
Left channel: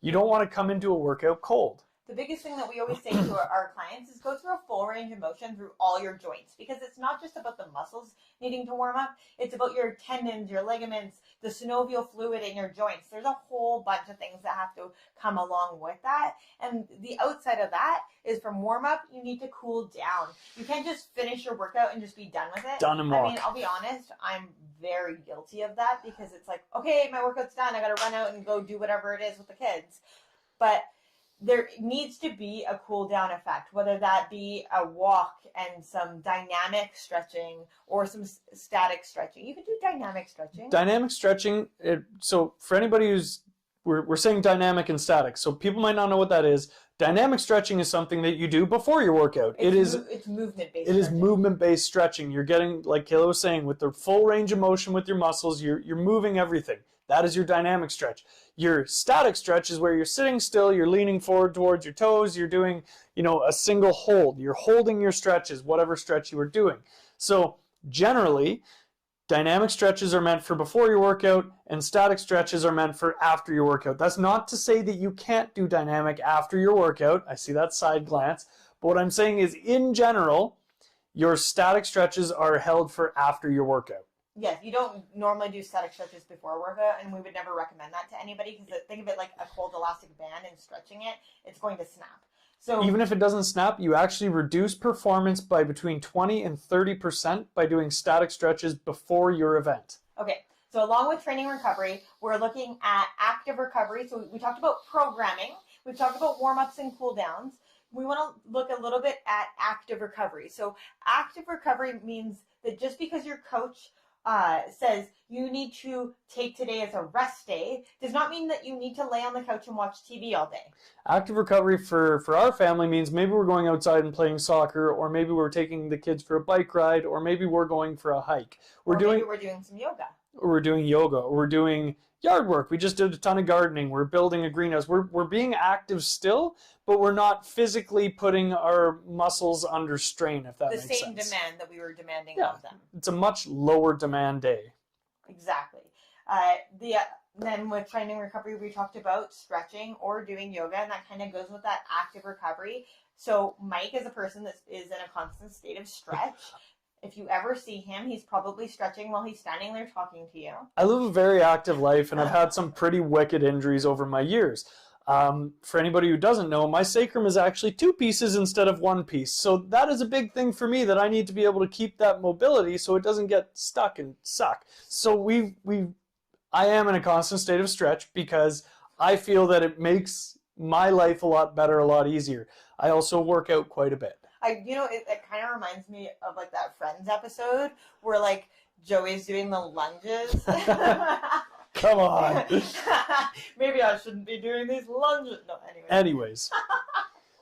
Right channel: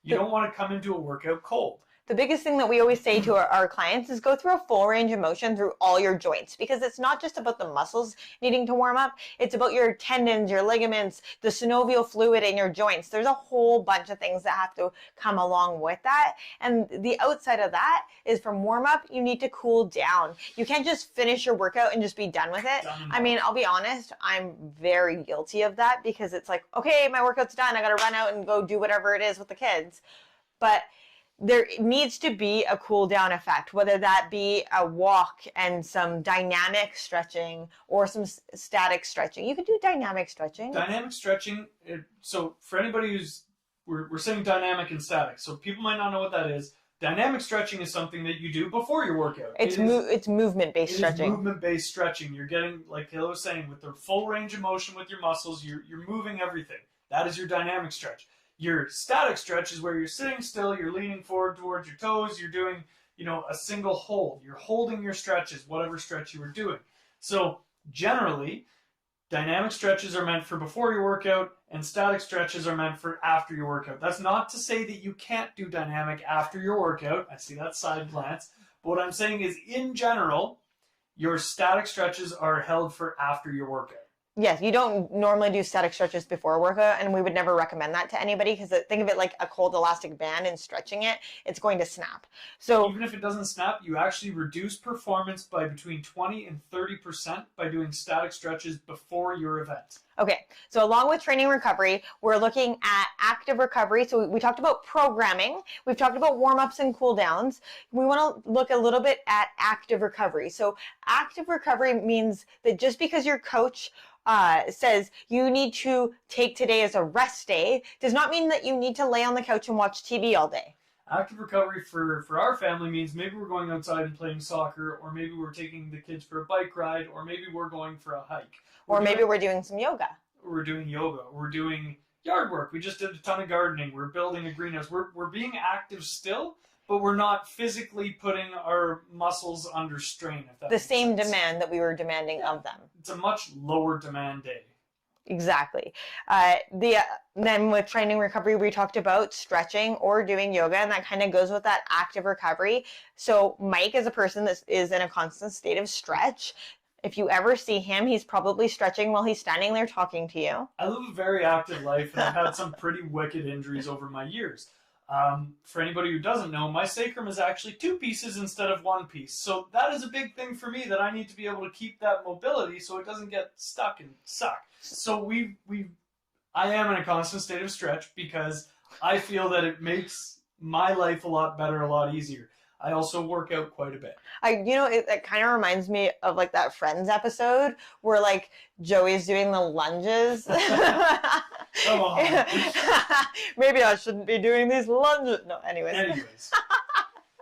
You don't want to come into a workout cold. The biggest thing that we always say to our clients is go through a full range of motion through all your joints, because it's not just about the muscles needing to warm up. It's about your tendons, your ligaments, the synovial fluid in your joints. There's a whole bunch of things that have to come along with that. And the outside of that is from warm up, you need to cool down. You can't just finish your workout and just be done with it. I mean, I'll be honest, I'm very guilty of that because it's like, okay, my workout's done. I got to run out and go do whatever it is with the kids. But there needs to be a cool down effect, whether that be a walk and some dynamic stretching or some static stretching. You can do dynamic stretching. Dynamic stretching, so for anybody who's, we're saying dynamic and static, so people might not know what that is. Dynamic stretching is something that you do before your workout. It's movement-based stretching. It is movement-based stretching. You're getting, like Kayla was saying, with the full range of motion with your muscles, you're moving everything. That is your dynamic stretch. Your static stretch is where you're sitting still, you're leaning forward towards your toes, you're doing, a single hold. You're holding your stretches, whatever stretch you are doing. So generally, dynamic stretches are meant for before your workout and static stretches are meant for after your workout. That's not to say that you can't do dynamic after your workout. I see that side glance. But what I'm saying is, in general, your static stretches are held for after your workout. Yes, you don't normally do static stretches before a workout, and we would never recommend that to anybody because think of it like a cold elastic band and stretching it, it's going to snap. So even if it doesn't snap, you actually reduce performance by between 20 and 30% by doing static stretches before your event. Okay, so along with training recovery, we're looking at active recovery. So we talked about programming, we've talked about warm-ups and cool-downs. We want to look a little bit at active recovery. So active recovery means that just because your coach says you need to take today as a rest day does not mean that you need to lay on the couch and watch TV all day. Active recovery for our family means maybe we're going outside and playing soccer, or maybe we're taking the kids for a bike ride, or maybe we're going for a hike. Maybe we're doing some yoga. Or we're doing yoga, or we're doing yard work. We just did a ton of gardening. We're building a greenhouse. We're being active still, but we're not physically putting our muscles under strain, if that makes sense. The same demand that we were demanding of them. It's a much lower demand day. Exactly. Then with training recovery, we talked about stretching or doing yoga, and that kind of goes with that active recovery. So Mike is a person that is in a constant state of stretch. If you ever see him, he's probably stretching while he's standing there talking to you. I live a very active life, and I've had some pretty wicked injuries over my years. For anybody who doesn't know, my sacrum is actually 2 pieces instead of 1 piece. So that is a big thing for me, that I need to be able to keep that mobility so it doesn't get stuck and suck. So I am in a constant state of stretch because I feel that it makes my life a lot better, a lot easier. I also work out quite a bit. It kind of reminds me of like that Friends episode where like Joey's doing the lunges. Come on. Maybe I shouldn't be doing these lunges. No, anyways.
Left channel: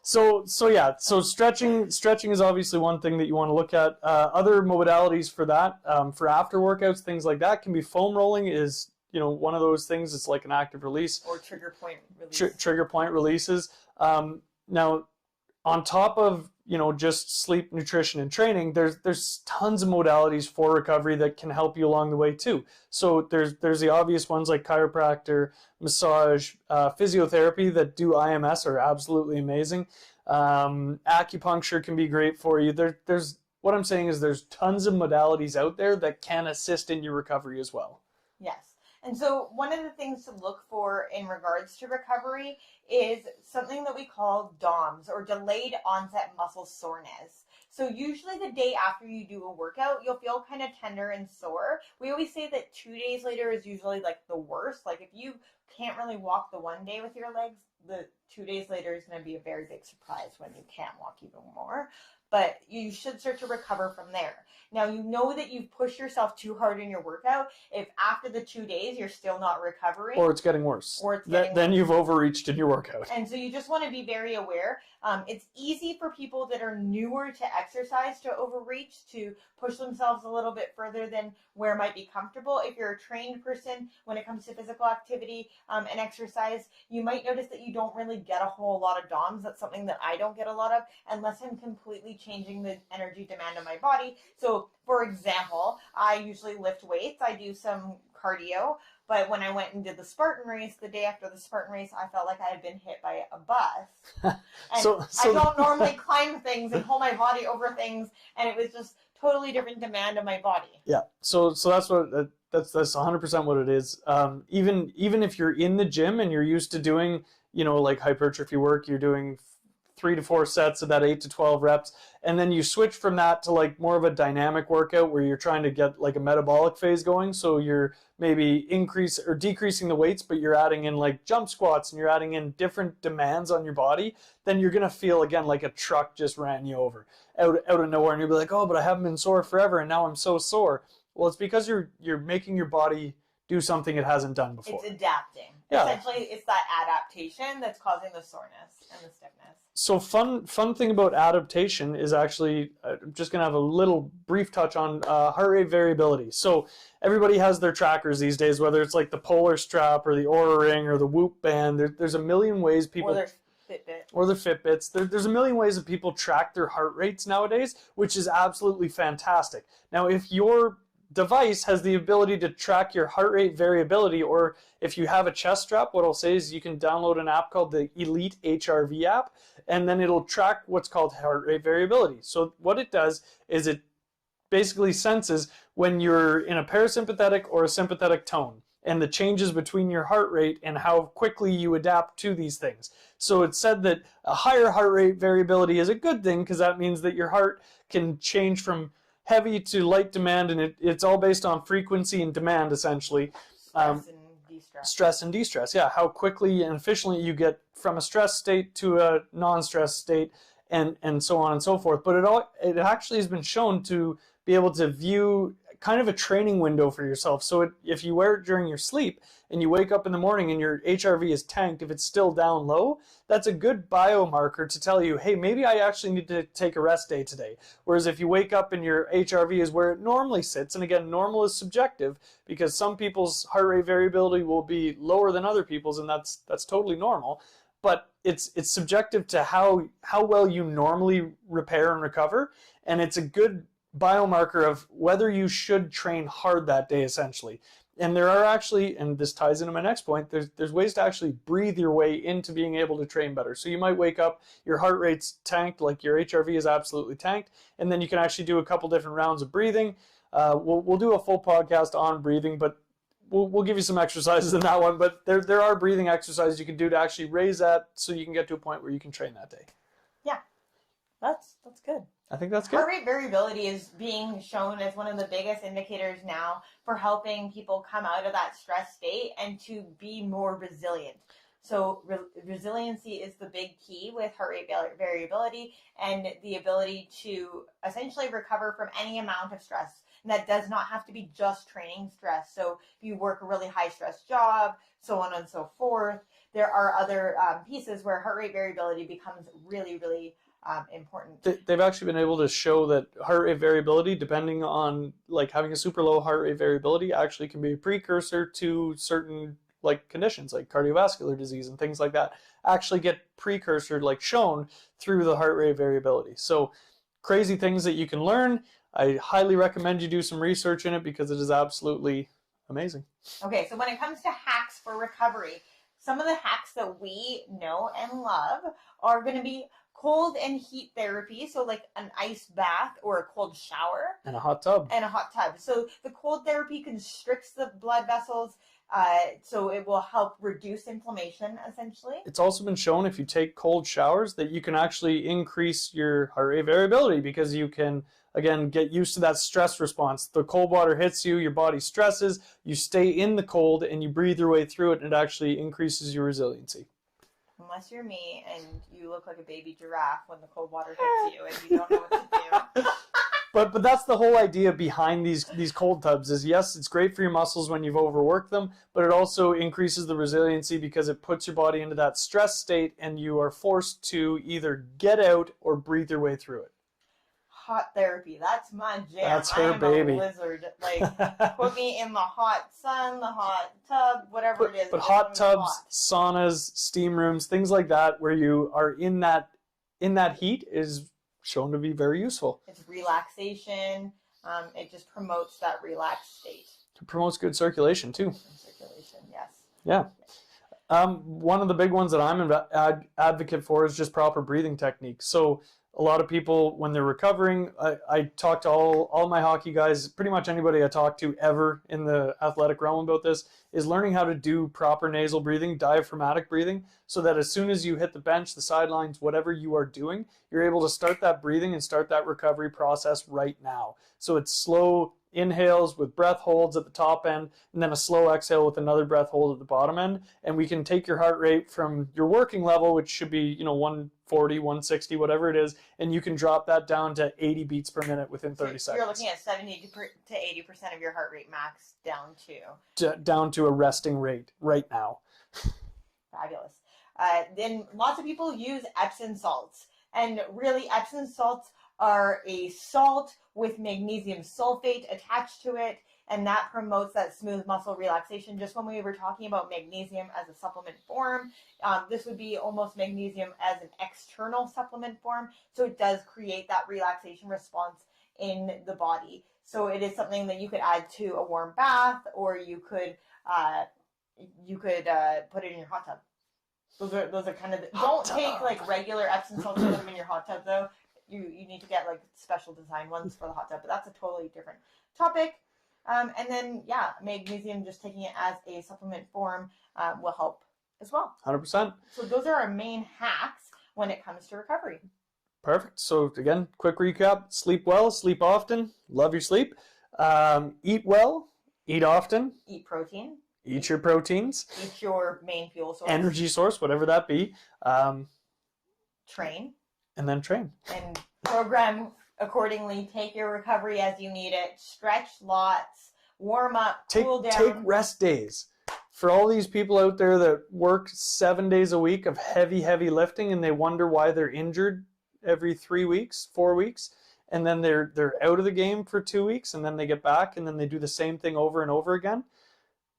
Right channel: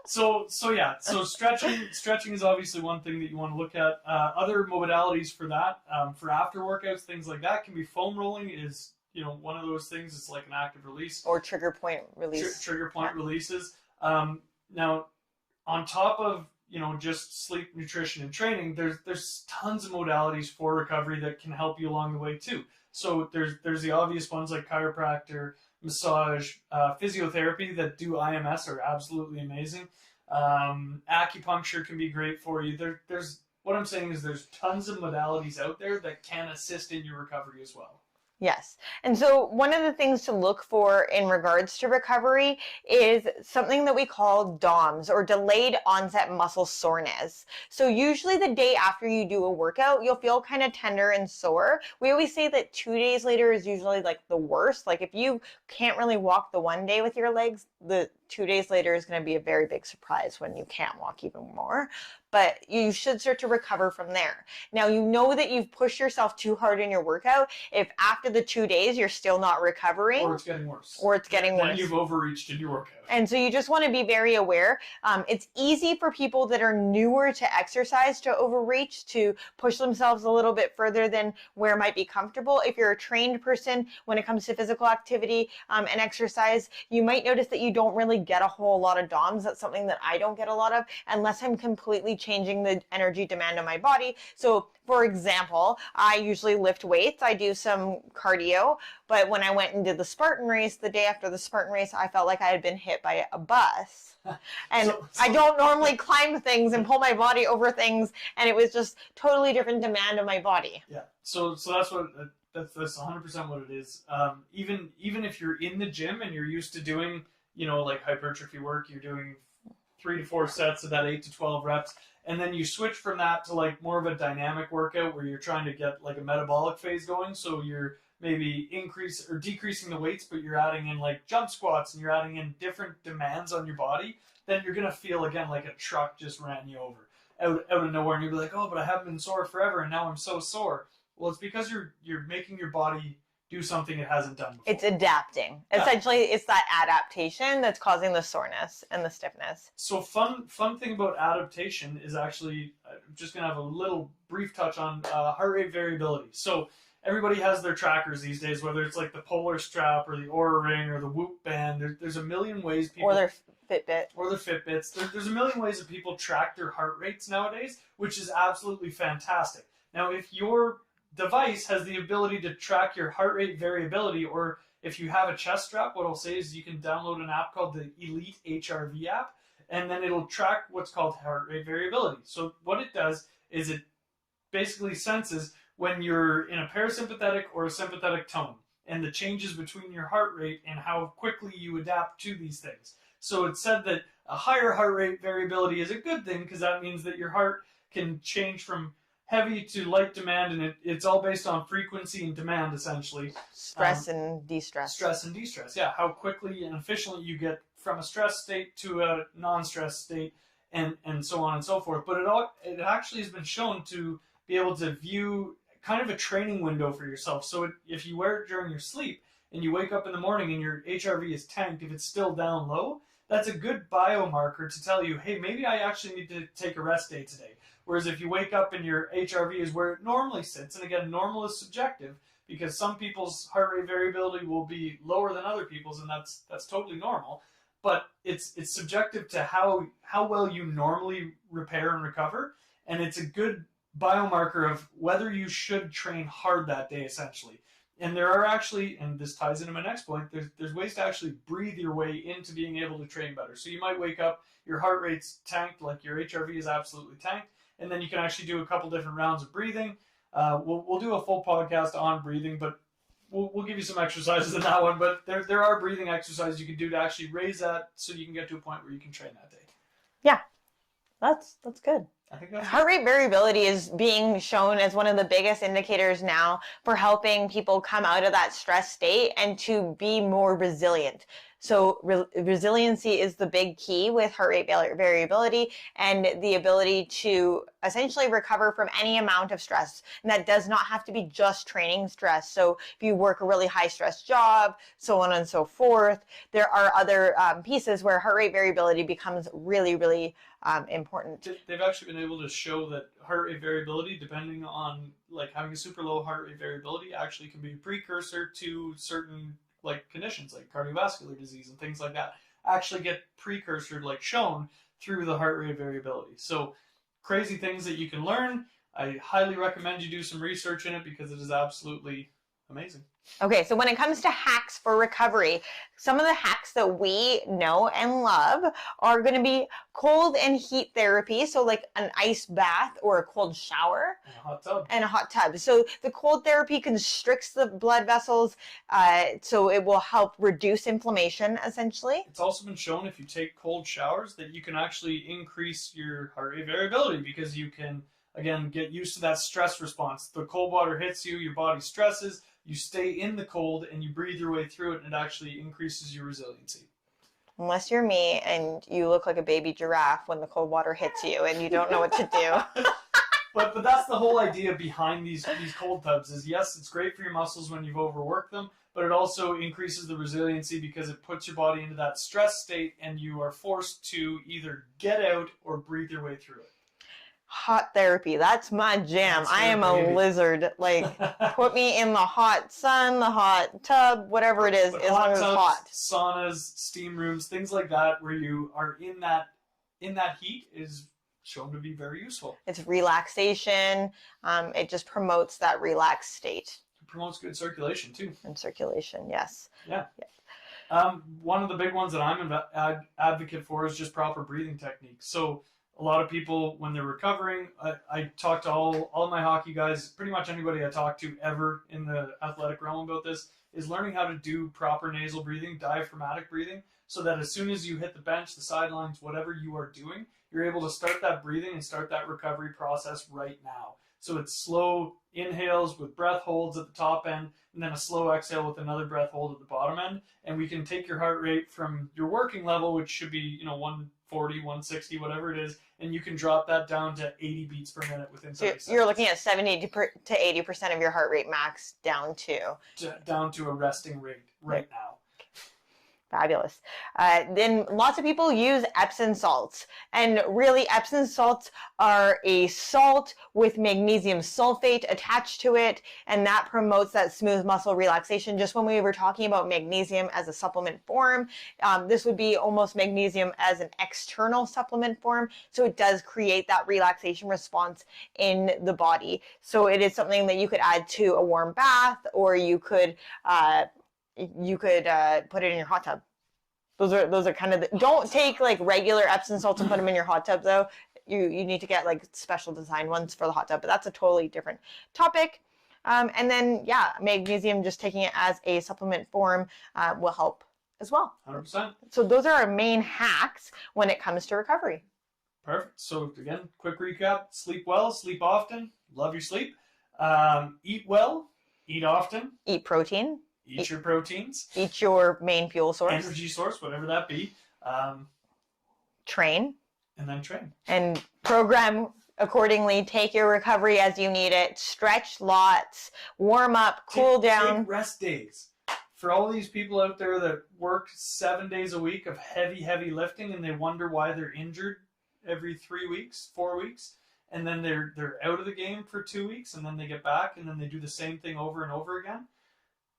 So stretching is obviously one thing that you want to look at. Other modalities for that, for after workouts, things like that, can be foam rolling is, one of those things. It's like an active release. Or trigger point release. Trigger point releases. Now, on top of, just sleep, nutrition, and training, there's tons of modalities for recovery that can help you along the way too. So there's the obvious ones like chiropractor, massage, physiotherapy that do IMS are absolutely amazing. Acupuncture can be great for you. There's what I'm saying is there's tons of modalities out there that can assist in your recovery as well. Yes. And so one of the things to look for in regards to recovery is something that we call DOMS, or delayed onset muscle soreness. So usually the day after you do a workout, you'll feel kind of tender and sore. We always say that 2 days later is usually like the worst. Like if you can't really walk the one day with your legs, the 2 days later is going to be a very big surprise when you can't walk even more. But you should start to recover from there. Now, you know that you've pushed yourself too hard in your workout. If after the 2 days you're still not recovering, or it's getting worse, then you've overreached in your workout. And so you just want to be very aware. It's easy for people that are newer to exercise to overreach, to push themselves a little bit further than where might be comfortable. If you're a trained person, when it comes to physical activity and exercise, you might notice that you don't really get a whole lot of DOMS. That's something that I don't get a lot of unless I'm completely changing the energy demand of my body. So for example, I usually lift weights. I do some cardio, but when I went and did the Spartan race, the day after the Spartan race, I felt like I had been hit by a bus. And I don't normally climb things and pull my body over things, and it was just totally different demand of my body. Yeah. So that's what that's 100% what it is. Even if you're in the gym and you're used to doing, like hypertrophy work, you're doing 3 to 4 sets of that 8 to 12 reps, and then you switch from that to like more of a dynamic workout where you're trying to get like a metabolic phase going. So you're maybe decreasing the weights, but you're adding in like jump squats and you're adding in different demands on your body. Then you're gonna feel again like a truck just ran you over out of nowhere, and you'll be like, oh, but I haven't been sore forever, and now I'm so sore. Well, it's because you're making your body do something it hasn't done before. It's adapting. Yeah. Essentially, it's that adaptation that's causing the soreness and the stiffness. So fun thing about adaptation is actually, I'm just going to have a little brief touch on heart rate variability. So everybody has their trackers these days, whether it's like the Polar Strap or the Oura Ring or the Whoop Band. There's a million ways people... Or their Fitbit. Or their Fitbits. There's a million ways that people track their heart rates nowadays, which is absolutely fantastic. Now, if your device has the ability to track your heart rate variability, or if you have a chest strap, what I'll say is you can download an app called the Elite HRV app, and then it'll track what's called heart rate variability. So what it does is it basically senses when you're in a parasympathetic or a sympathetic tone, and the changes between your heart rate and how quickly you adapt to these things. So it's said that a higher heart rate variability is a good thing because that means that your heart can change from heavy to light demand, and it's all based on frequency and demand, essentially. Stress and de-stress. Stress and de-stress, yeah. How quickly and efficiently you get from a stress state to a non-stress state, and so on and so forth. But it actually has been shown to be able to view kind of a training window for yourself. So if you wear it during your sleep and you wake up in the morning and your HRV is tanked, if it's still down low, that's a good biomarker to tell you, hey, maybe I actually need to take a rest day today. Whereas if you wake up and your HRV is where it normally sits, and again, normal is subjective because some people's heart rate variability will be lower than other people's, and that's totally normal. But it's subjective to how well you normally repair and recover, and it's a good biomarker of whether you should train hard that day, essentially. And there are actually, and this ties into my next point, there's ways to actually breathe your way into being able to train better. So you might wake up, your heart rate's tanked, like your HRV is absolutely tanked, and then you can actually do a couple different rounds of breathing. We'll do a full podcast on breathing, but we'll give you some exercises in that one. But there are breathing exercises you can do to actually raise that so you can get to a point where you can train that day. Yeah, that's good. I think that's Heart good. rate variability is being shown as one of the biggest indicators now for helping people come out of that stress state and to be more resilient. So resiliency is the big key with heart rate variability and the ability to essentially recover from any amount of stress. And that does not have to be just training stress. So if you work a really high stress job, so on and so forth, there are other pieces where heart rate variability becomes really, really important. They've actually been able to show that heart rate variability, depending on like having a super low heart rate variability, actually can be a precursor to certain like conditions like cardiovascular disease and things like that actually get precursor like shown through the heart rate variability. So crazy things that you can learn. I highly recommend you do some research in it because it is absolutely amazing. Okay, so when it comes to hacks for recovery, some of the hacks that we know and love are going to be cold and heat therapy. So like an ice bath or a cold shower. And a hot tub. And a hot tub. So the cold therapy constricts the blood vessels, so it will help reduce inflammation, essentially. It's also been shown if you take cold showers that you can actually increase your heart rate variability because you can, again, get used to that stress response. The cold water hits you, your body stresses, you stay in the cold and you breathe your way through it, and it actually increases your resiliency. Unless you're me and you look like a baby giraffe when the cold water hits you and you don't know what to do. But that's the whole idea behind these cold tubs is, yes, it's great for your muscles when you've overworked them, but it also increases the resiliency because it puts your body into that stress state and you are forced to either get out or breathe your way through it. Hot therapy, that's my jam. That's I am baby. a lizard. Like, put me in the hot sun, the hot tub, whatever it is. But as long hot as tubs, it's hot. saunas, steam rooms, things like that, where you are in that heat, is shown to be very useful. It's relaxation. It just promotes that relaxed state. It promotes good circulation too. And circulation, yes. Yeah. One of the big ones that I'm an advocate for is just proper breathing techniques. So a lot of people, when they're recovering, I talk to all my hockey guys, pretty much anybody I talk to ever in the athletic realm about this, is learning how to do proper nasal breathing, diaphragmatic breathing, so that as soon as you hit the bench, the sidelines, whatever you are doing, you're able to start that breathing and start that recovery process right now. So it's slow inhales with breath holds at the top end, and then a slow exhale with another breath hold at the bottom end. And we can take your heart rate from your working level, which should be 140, 160, whatever it is, and you can drop that down to 80 beats per minute within 30 seconds. You're looking at 70 to 80% of your heart rate max down to a resting rate right now. Fabulous. Then lots of people use Epsom salts, and really Epsom salts are a salt with magnesium sulfate attached to it, and that promotes that smooth muscle relaxation. Just when we were talking about magnesium as a supplement form, this would be almost magnesium as an external supplement form, so it does create that relaxation response in the body. So it is something that you could add to a warm bath, or you could put it in your hot tub. Those are kind of don't take like regular Epsom salts and put them in your hot tub though. You need to get like special design ones for the hot tub, but that's a totally different topic. And then magnesium, just taking it as a supplement form will help as well. 100%. So those are our main hacks when it comes to recovery. Perfect. So again, quick recap: sleep well, sleep often, love your sleep, eat well, eat often, Eat protein. eat your proteins, Eat your main fuel source. energy source, whatever that be, Train. and then train. And program accordingly. Take your recovery as you need it. Stretch lots. Warm up. Cool down. Take rest days. For all these people out there that work 7 days a week of heavy lifting and they wonder why they're injured every 3 weeks, 4 weeks, and then they're out of the game for 2 weeks, and then they get back and then they do the same thing over and over again.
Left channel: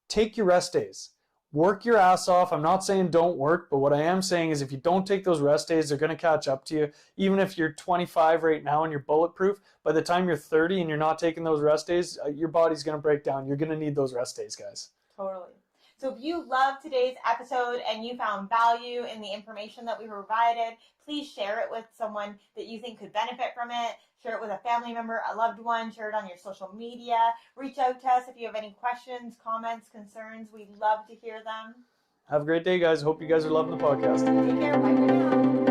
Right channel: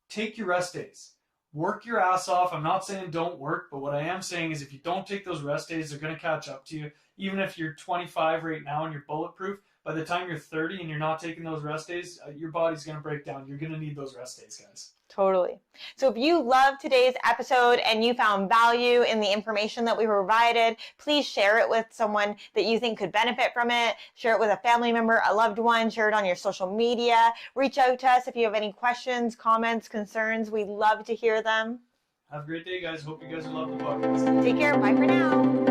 Take your rest days. work your ass off. I'm not saying don't work, but what I am saying is if you don't take those rest days, they're going to catch up to you. Even if you're 25 right now and you're bulletproof, by the time you're 30 and you're not taking those rest days, your body's going to break down. You're going to need those rest days, guys. Totally. So if you loved today's episode and you found value in the information that we provided, please share it with someone that you think could benefit from it. Share it with a family member, a loved one. Share it on your social media. Reach out to us if you have any questions, comments, concerns. We'd love to hear them. Have a great day, guys. Hope you guys are loving the podcast. Take care. Bye for now.